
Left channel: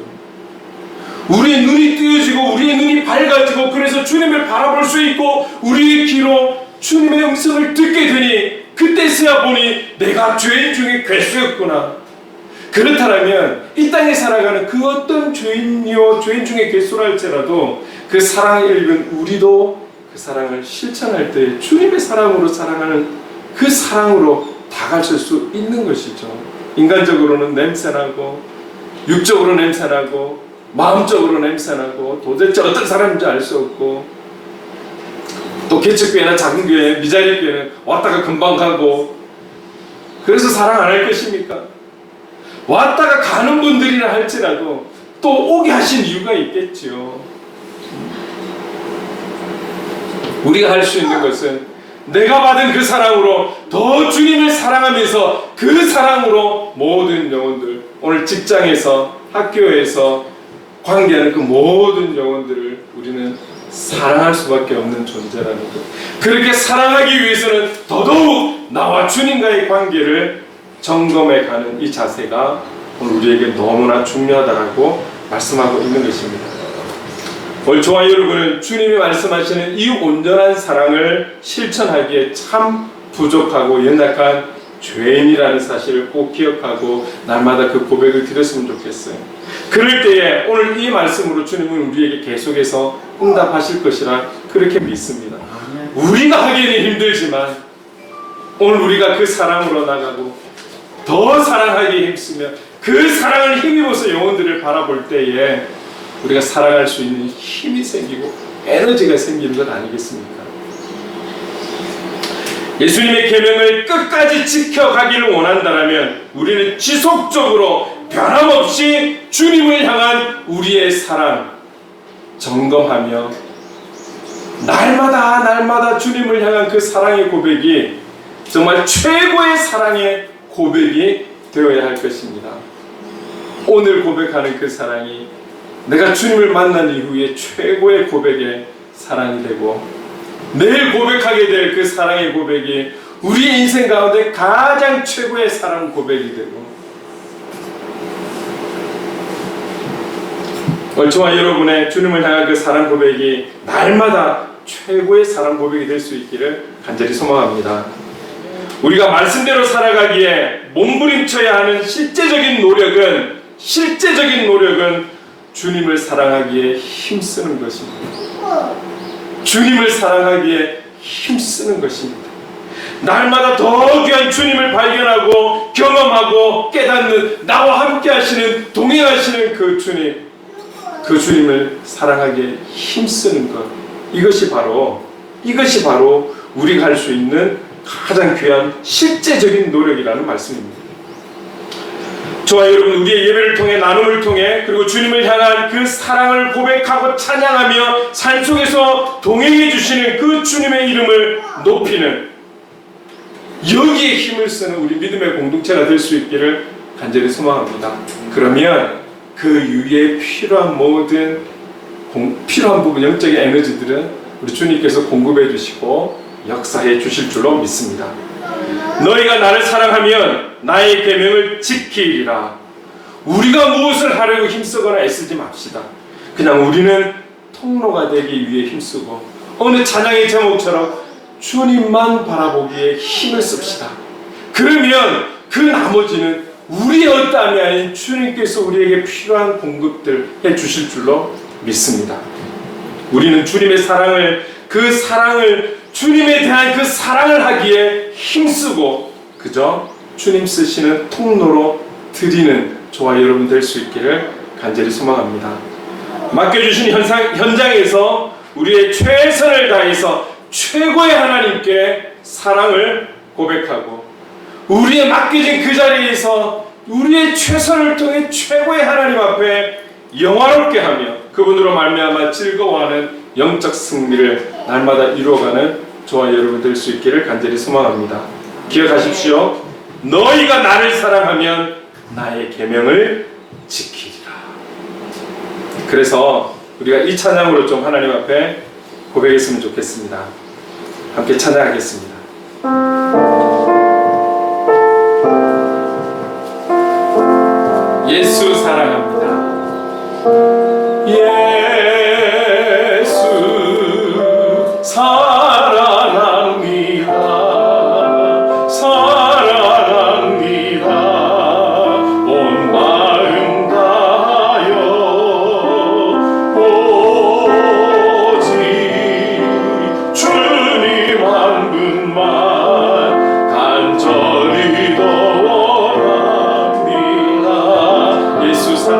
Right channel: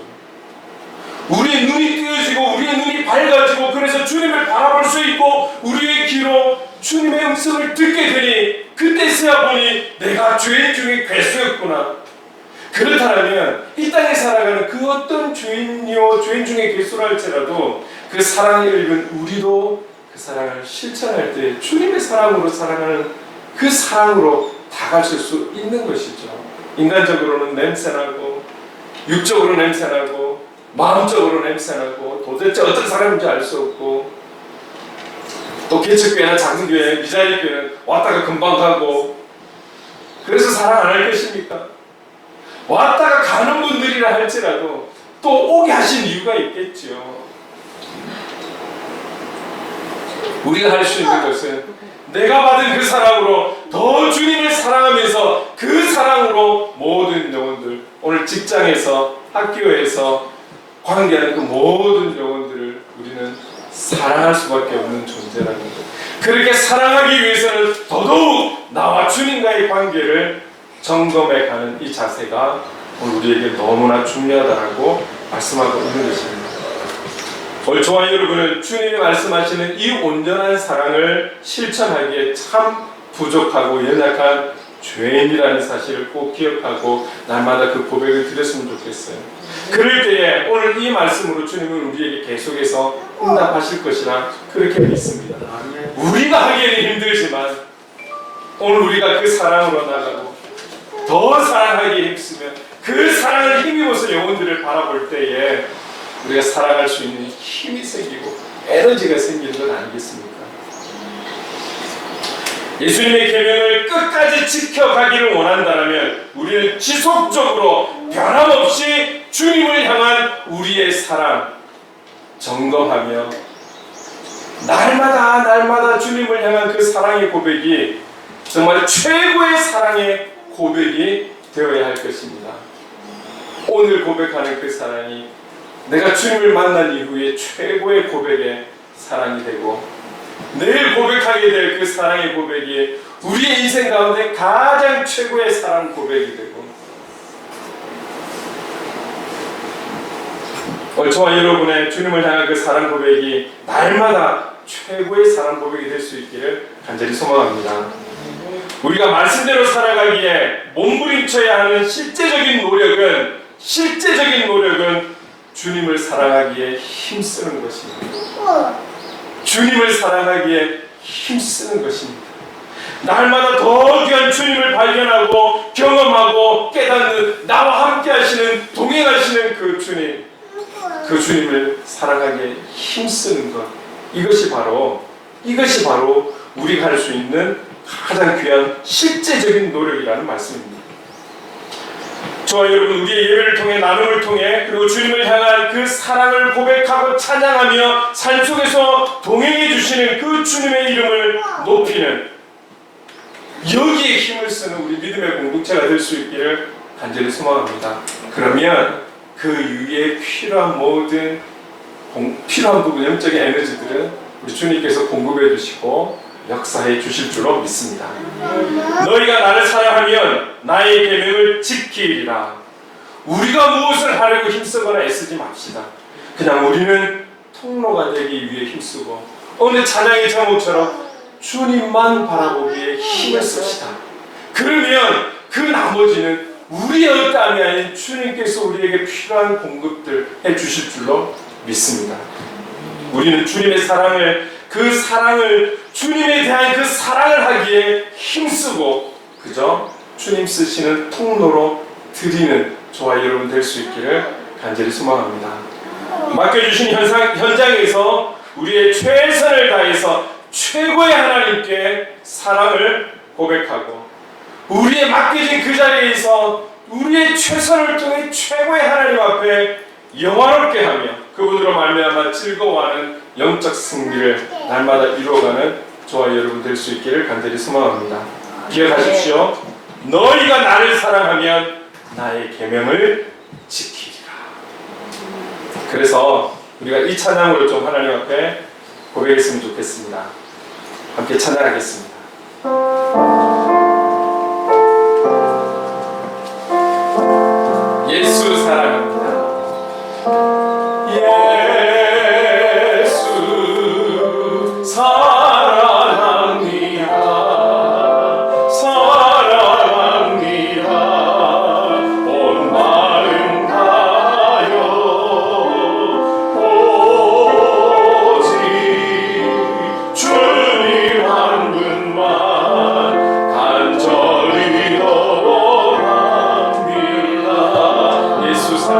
우리의 눈이 뜨여지고 우리의 눈이 밝아지고, 그래서 주님을 바라볼 수 있고 우리의 귀로 주님의 음성을 듣게 되니 그때서야 보니 내가 죄인 중에 괴수였구나. 그렇다면 이 땅에 살아가는 그 어떤 죄인이요 죄인 중에 괴수라 할지라도 그 사랑을 읽은 우리도 그 사랑을 실천할 때 주님의 사랑으로 사랑하는 그 사랑으로 다가설 수 있는 것이죠. 인간적으로는 냄새나고, 육적으로 냄새나고, 마음적으로 냄새나고, 도대체 어떤 사람인지 알 수 없고, 또 개척교회나 작은 교회, 미자리 교회는 왔다가 금방 가고, 그래서 사랑 안 할 것입니까? 왔다가 가는 분들이라 할지라도 또 오게 하신 이유가 있겠죠. 우리가 할 수 있는 것은 내가 받은 그 사랑으로 더 주님을 사랑하면서 그 사랑으로 모든 영혼들, 오늘 직장에서, 학교에서, 관계하는 그 모든 영혼들을 우리는 사랑할 수밖에 없는 존재라는 것. 그렇게 사랑하기 위해서는 더더욱 나와 주님과의 관계를 점검해가는 이 자세가 우리에게 너무나 중요하다고 말씀하고 있는 것입니다. 오늘 저와 여러분은 주님이 말씀하시는 이 온전한 사랑을 실천하기에 참 부족하고 연약한 죄인이라는 사실을 꼭 기억하고 날마다 그 고백을 드렸으면 좋겠어요. 그럴 때에 오늘 이 말씀으로 주님은 우리에게 계속해서 응답하실 것이라 그렇게 믿습니다. 우리가 하기에는 힘들지만 오늘 우리가 그 사랑으로 나가고 더 사랑하기에 힘쓰며 그 사랑을 힘입어서 영혼들을 바라볼 때에 우리가 사랑할 수 있는 힘이 생기고 에너지가 생기는 것 아니겠습니까? 예수님의 계명을 끝까지 지켜가기를 원한다면 우리는 지속적으로 변함없이 주님을 향한 우리의 사랑 점검하며 날마다 주님을 향한 그 사랑의 고백이 정말 최고의 사랑의 고백이 되어야 할 것입니다. 오늘 고백하는 그 사랑이 내가 주님을 만난 이후에 최고의 고백의 사랑이 되고 내일 고백하게 될 그 사랑의 고백이 우리의 인생 가운데 가장 최고의 사랑 고백이 되고 저와 여러분의 주님을 향한 그 사랑 고백이 날마다 최고의 사랑 고백이 될 수 있기를 간절히 소망합니다. 우리가 말씀대로 살아가기에 몸부림쳐야 하는 실제적인 노력은 주님을 사랑하기에 힘쓰는 것입니다. 주님을 사랑하기에 힘쓰는 것입니다. 날마다 더 귀한 주님을 발견하고 경험하고 깨닫는 나와 함께 하시는 동행하시는 그 주님을 사랑하기에 힘쓰는 것, 이것이 바로 우리가 할 수 있는 가장 귀한 실제적인 노력이라는 말씀입니다. 저와 여러분, 우리의 예배를 통해 나눔을 통해 그리고 주님을 향한 그 사랑을 고백하고 찬양하며 삶 속에서 동행해 주시는 그 주님의 이름을 높이는 여기에 힘을 쓰는 우리 믿음의 공동체가 될 수 있기를 간절히 소망합니다. 그러면 그 위에 필요한 모든 필요한 부분 영적인 에너지들은 우리 주님께서 공급해 주시고 역사해 주실 줄로 믿습니다. 너희가 나를 사랑하면 나의 계명을 지키리라. 우리가 무엇을 하려고 힘쓰거나 애쓰지 맙시다. 그냥 우리는 통로가 되기 위해 힘쓰고 어느 찬양의 제목처럼 주님만 바라보기에 힘을 씁시다. 그러면 그 나머지는 우리의 어떠함이 아닌 주님께서 우리에게 필요한 공급들 해주실 줄로 믿습니다. 우리는 주님의 사랑을 주님에 대한 그 사랑을 하기에 힘쓰고 그저 주님 쓰시는 통로로 드리는 저와 여러분 될 수 있기를 간절히 소망합니다. 맡겨주신 현장에서 우리의 최선을 다해서 최고의 하나님께 사랑을 고백하고 우리의 맡겨진 그 자리에서 우리의 최선을 통해 최고의 하나님 앞에 영화롭게 하며 그분으로 말미암아 즐거워하는 영적 승리를 날마다 이루어가는 저와 여러분 될 수 있기를 간절히 소망합니다. 기억하십시오. 너희가 나를 사랑하면 나의 계명을 지키리라. 그래서 우리가 이 찬양으로 좀 하나님 앞에 고백했으면 좋겠습니다. 함께 찬양하겠습니다. 예수 사랑합니다. 예수 사랑합니다. 사랑합니다. 온 마음 다하여 오직 주님 한 분만 간절히 원합니다. 예수 사랑합니다.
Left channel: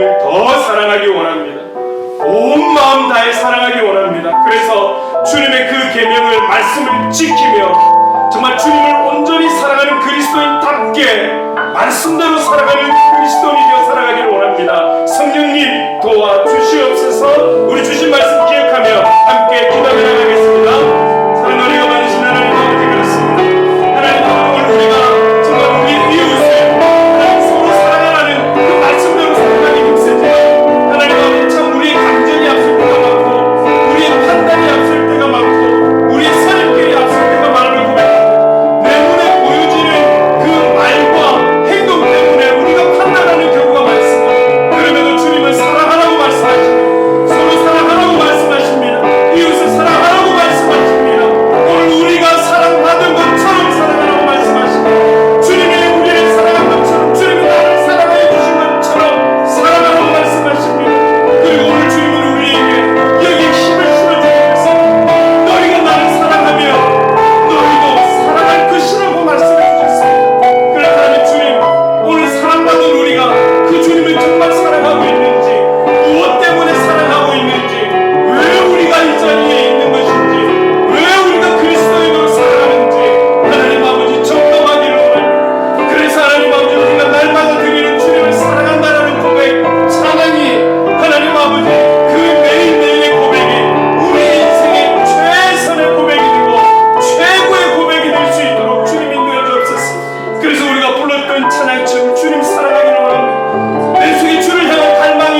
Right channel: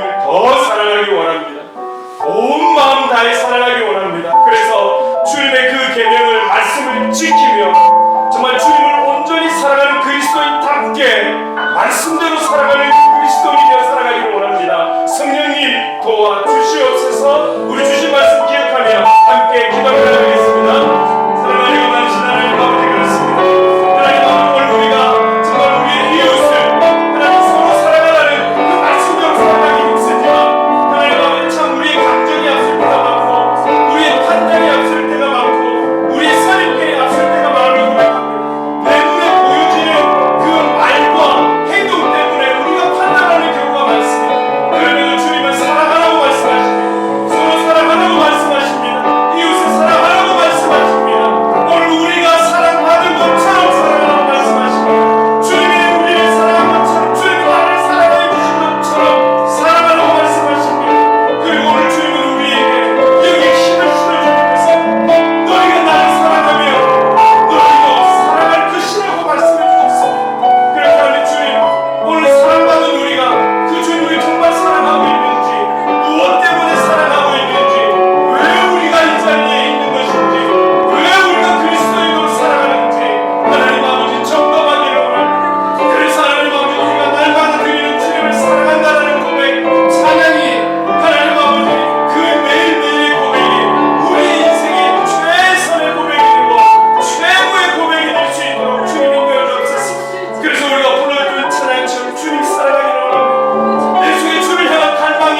주님을 더 사랑하기 원합니다. 온 마음 다해 사랑하기 원합니다. 그래서 주님의 그 계명을 말씀을 지키며 정말 주님을 온전히 사랑하는 그리스도인답게 말씀대로 살아가는 그리스도인이 되어 살아가기를 원합니다. 성령님 도와주시옵소서. 우리 주신 말씀 기억하며 함께 기도하도록 하겠습니다. 사랑하는 많으신 하나님 아버지, 그렇습니다. 하나님 아버지, 우리가 정말 우리 이웃을 하나님 서로 사랑하라는 그 말씀대로 살아가기 힘쓰지만 하나님 아버지, 참 우리의 감정이 앞설 때가 많고 우리의 판단이 앞설 때가 많고 우리의 선입견이 앞설 때가 많은 내 눈에 보여지는 그 말과 행동 때문에 우리가 판단하는 경우가 많습니다. 그러면 주님은 사랑하라고 말씀하십니다. 서로 사랑하라고 말씀하십니다. 이웃을 사랑하라고 말씀하십니다. 오늘 우리가 사랑받은 것처럼 사랑하라고 말씀하십니다. 주님이 우리를 사랑한 것처럼, 주님이 나를 사랑해 주신 것처럼 사랑하라고 말씀하십니다. 그리고 오늘 주님은 우리에게 여기에 힘을 실어주셔서 너희가 나를 사랑하면 너희도 사랑할 것이라고 말씀해 주셨습니다. 그래서 하나님 주님, 오늘 사랑받은 우리가 그 주님을 정말 사랑하고 있는지, 무엇 때문에 사랑하고 있는지, 왜 우리가 이 자리에 있는 것인지, 왜 우리가 그리스도인으로 살아가는지 하나님 아버지 점검하기를 원합니다. 그래서 하나님 아버지, 우리가 날마다 드리는 주님을 사랑한다라는 고백, 찬양이 하나님 아버지 그 매일매일의 고백이 우리 인생의 최선의 고백이 되고 최고의 고백이 될 수 있도록 주님 인도해 주옵소서. 그래서 우리가 불렀던 찬양처럼 주님 사랑하기를 원합니다. 내 속에 주를 향한 갈망이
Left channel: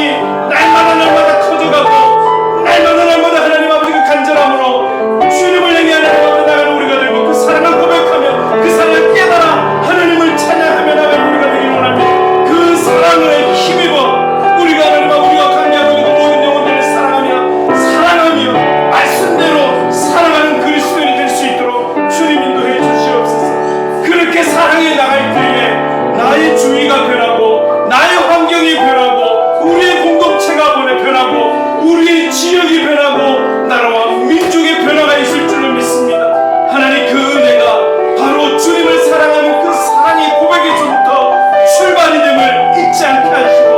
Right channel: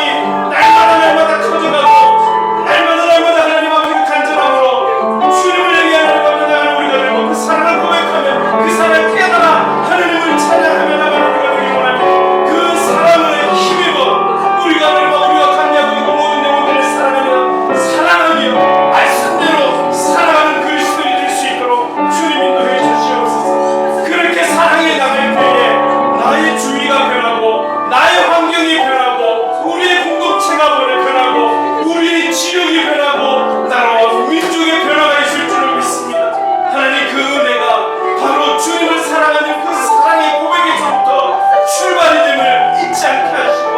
날마다 커져가고 날마다 하나님 아버지 그 간절함으로 주님을 향해 나아가는 우리가 되고 그 사랑을 고백하며 그 사랑을 깨달아 하나님을 찬양하며 나가는 우리가 되기를 원합니다. 그 사랑을 힘입어 우리가 하나님 아버지가 감리하고 있는 모든 영혼들을 사랑하며 말씀대로 살아가는 그리스도인이 될 수 있도록 주님 인도해 주시옵소서. 그렇게 사랑해 나갈 때에 나의 주위가 변하고 나의 환경이 변하고 우리의 공동체가 변하고 우리의 지역이 변하고 나라와 민족의 변화가 있을 줄을 믿습니다. 하나님, 그 은혜가 바로 주님을 사랑하는 그 사랑의 고백에서부터 출발이 됨을 잊지 않게 하시고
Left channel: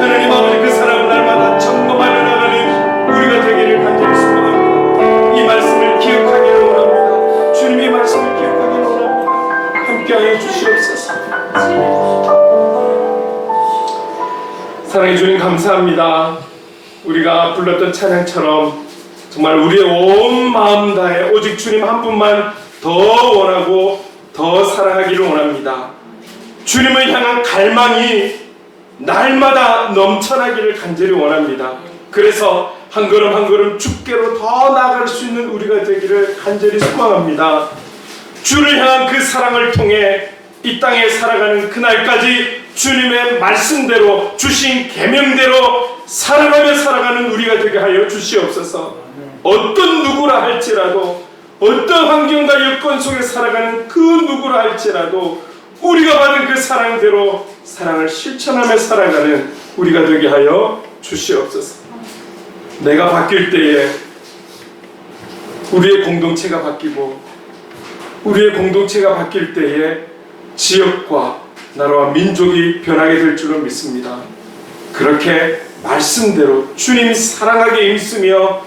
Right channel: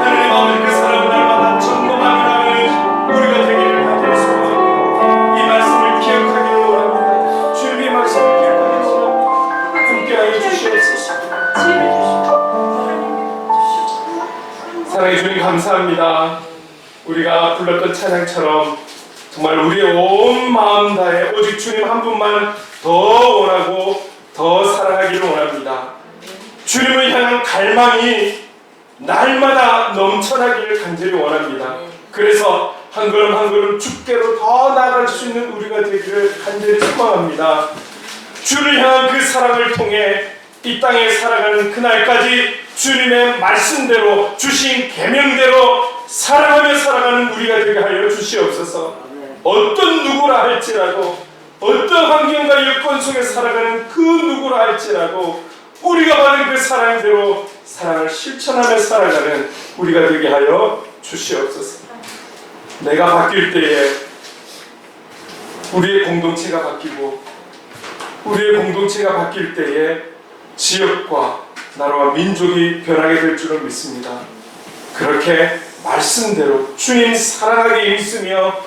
하나님 아버지 그 사랑을 날마다 점검하며 나가는 우리가 되기를 간절히 소원합니다. 이 말씀을 기억하기를 원합니다. 주님의 말씀을 기억하기를 원합니다. 함께하여 주시옵소서. 사랑해 주님 감사합니다. 우리가 불렀던 찬양처럼 정말 우리의 온 마음 다해 오직 주님 한 분만 더 원하고 더 사랑하기를 원합니다. 주님을 향한 갈망이 날마다 넘쳐나기를 간절히 원합니다. 그래서 한 걸음 한 걸음 주께로 더 나아갈 수 있는 우리가 되기를 간절히 소망합니다. 주를 향한 그 사랑을 통해 이 땅에 살아가는 그날까지 주님의 말씀대로 주신 계명대로 사랑하며 살아가는 우리가 되게 하여 주시옵소서. 어떤 누구라 할지라도, 어떤 환경과 여건 속에 살아가는 그 누구라 할지라도 우리가 받은 그 사랑대로 사랑을 실천하며 살아가는 우리가 되게 하여 주시옵소서. 내가 바뀔 때에 우리의 공동체가 바뀌고 우리의 공동체가 바뀔 때에 지역과 나라와 민족이 변하게 될 줄을 믿습니다. 그렇게 말씀대로 주님 사랑하기에 힘쓰며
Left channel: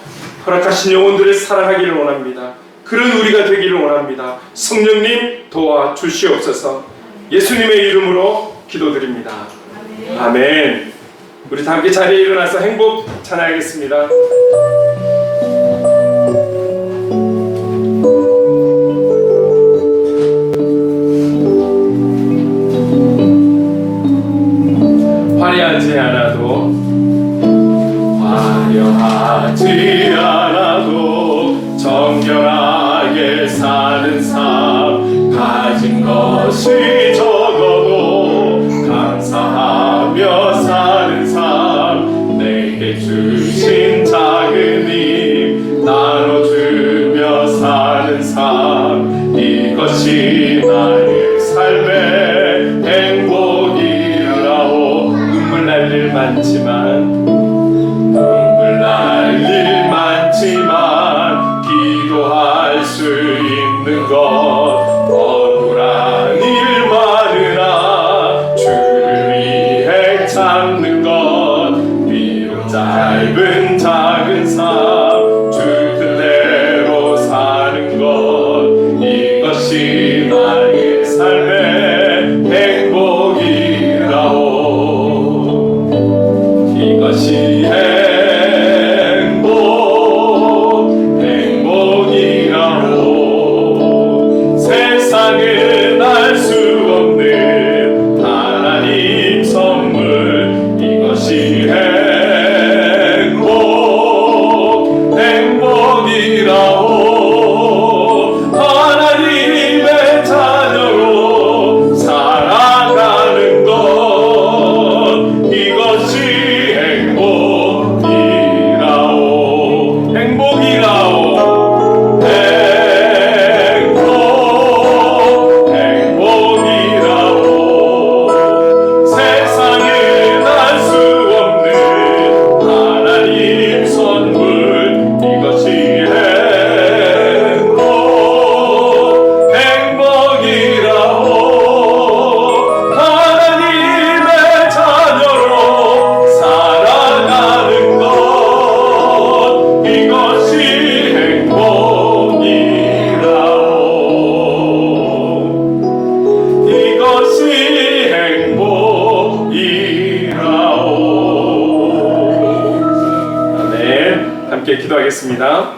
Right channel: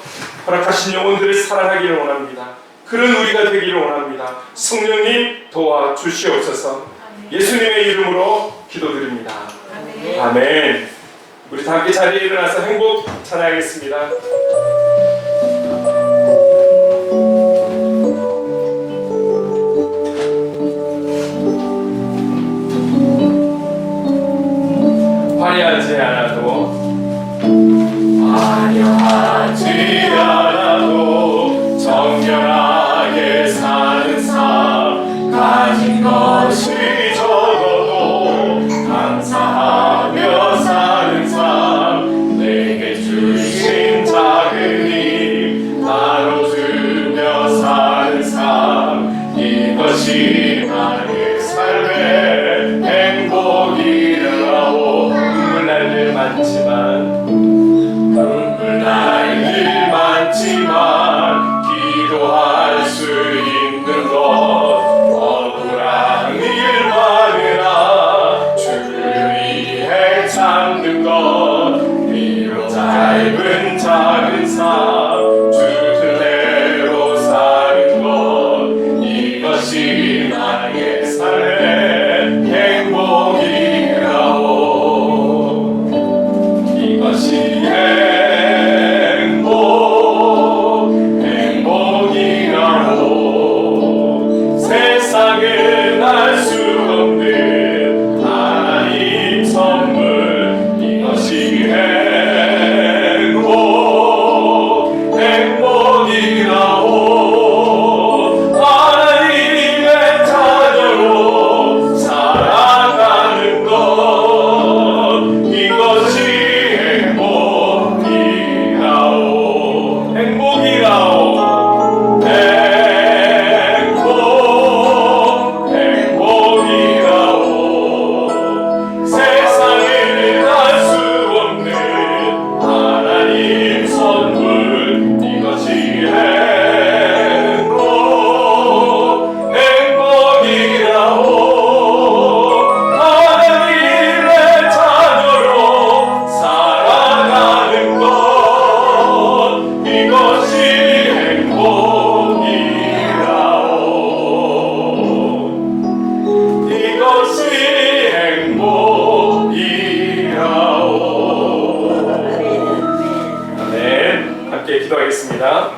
허락하신 영혼들을 사랑하기를 원합니다. 그런 우리가 되기를 원합니다. 성령님 도와주시옵소서. 예수님의 이름으로 기도드립니다. 아멘. 우리 다 함께 자리에 일어나서 행복 찬양하겠습니다. 화려하지 않아도 정결하게 사는 삶, 가진 것이 적어도 감사하며 사는 삶, 내게 주신 작은 힘 나눠주며 사는 삶, 이것이 나의 삶의 행복이라고. 눈물 날 일 많지만 기도할 수 있는 것, 억울한 일 많으나 주를 위해 참는 것, 기도하겠습니다.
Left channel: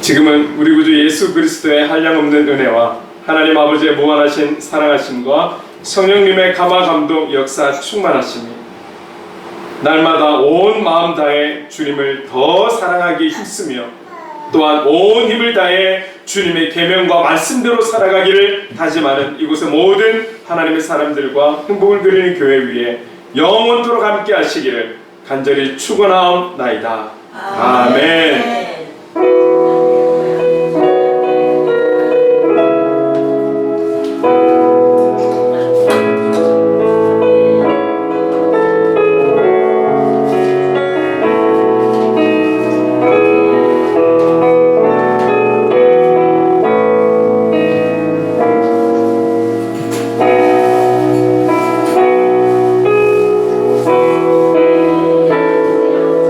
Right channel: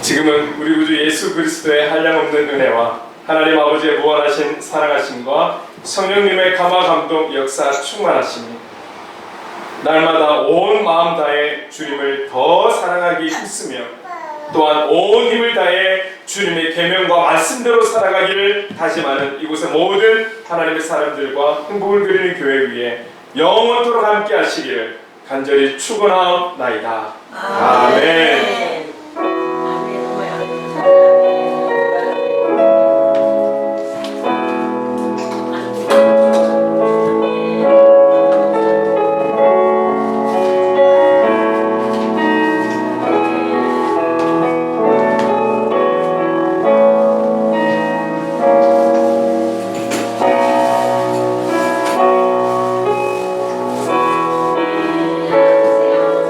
지금은 우리 구주 예수 그리스도의 한량없는 은혜와 하나님 아버지의 무한하신 사랑하심과 성령님의 감화 감동 역사 충만하심이 날마다 온 마음 다해 주님을 더 사랑하기 힘쓰며 또한 온 힘을 다해 주님의 계명과 말씀대로 살아가기를 다짐하는 이곳의 모든 하나님의 사람들과 행복을 그리는 교회 위에 영원토록 함께 하시기를 간절히 축원하옵나이다. 아멘.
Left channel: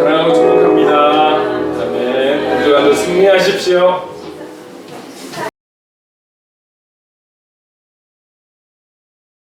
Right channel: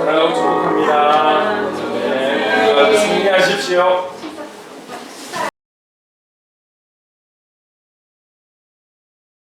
사랑하고 축복합니다. 네, 모두가 승리하십시오.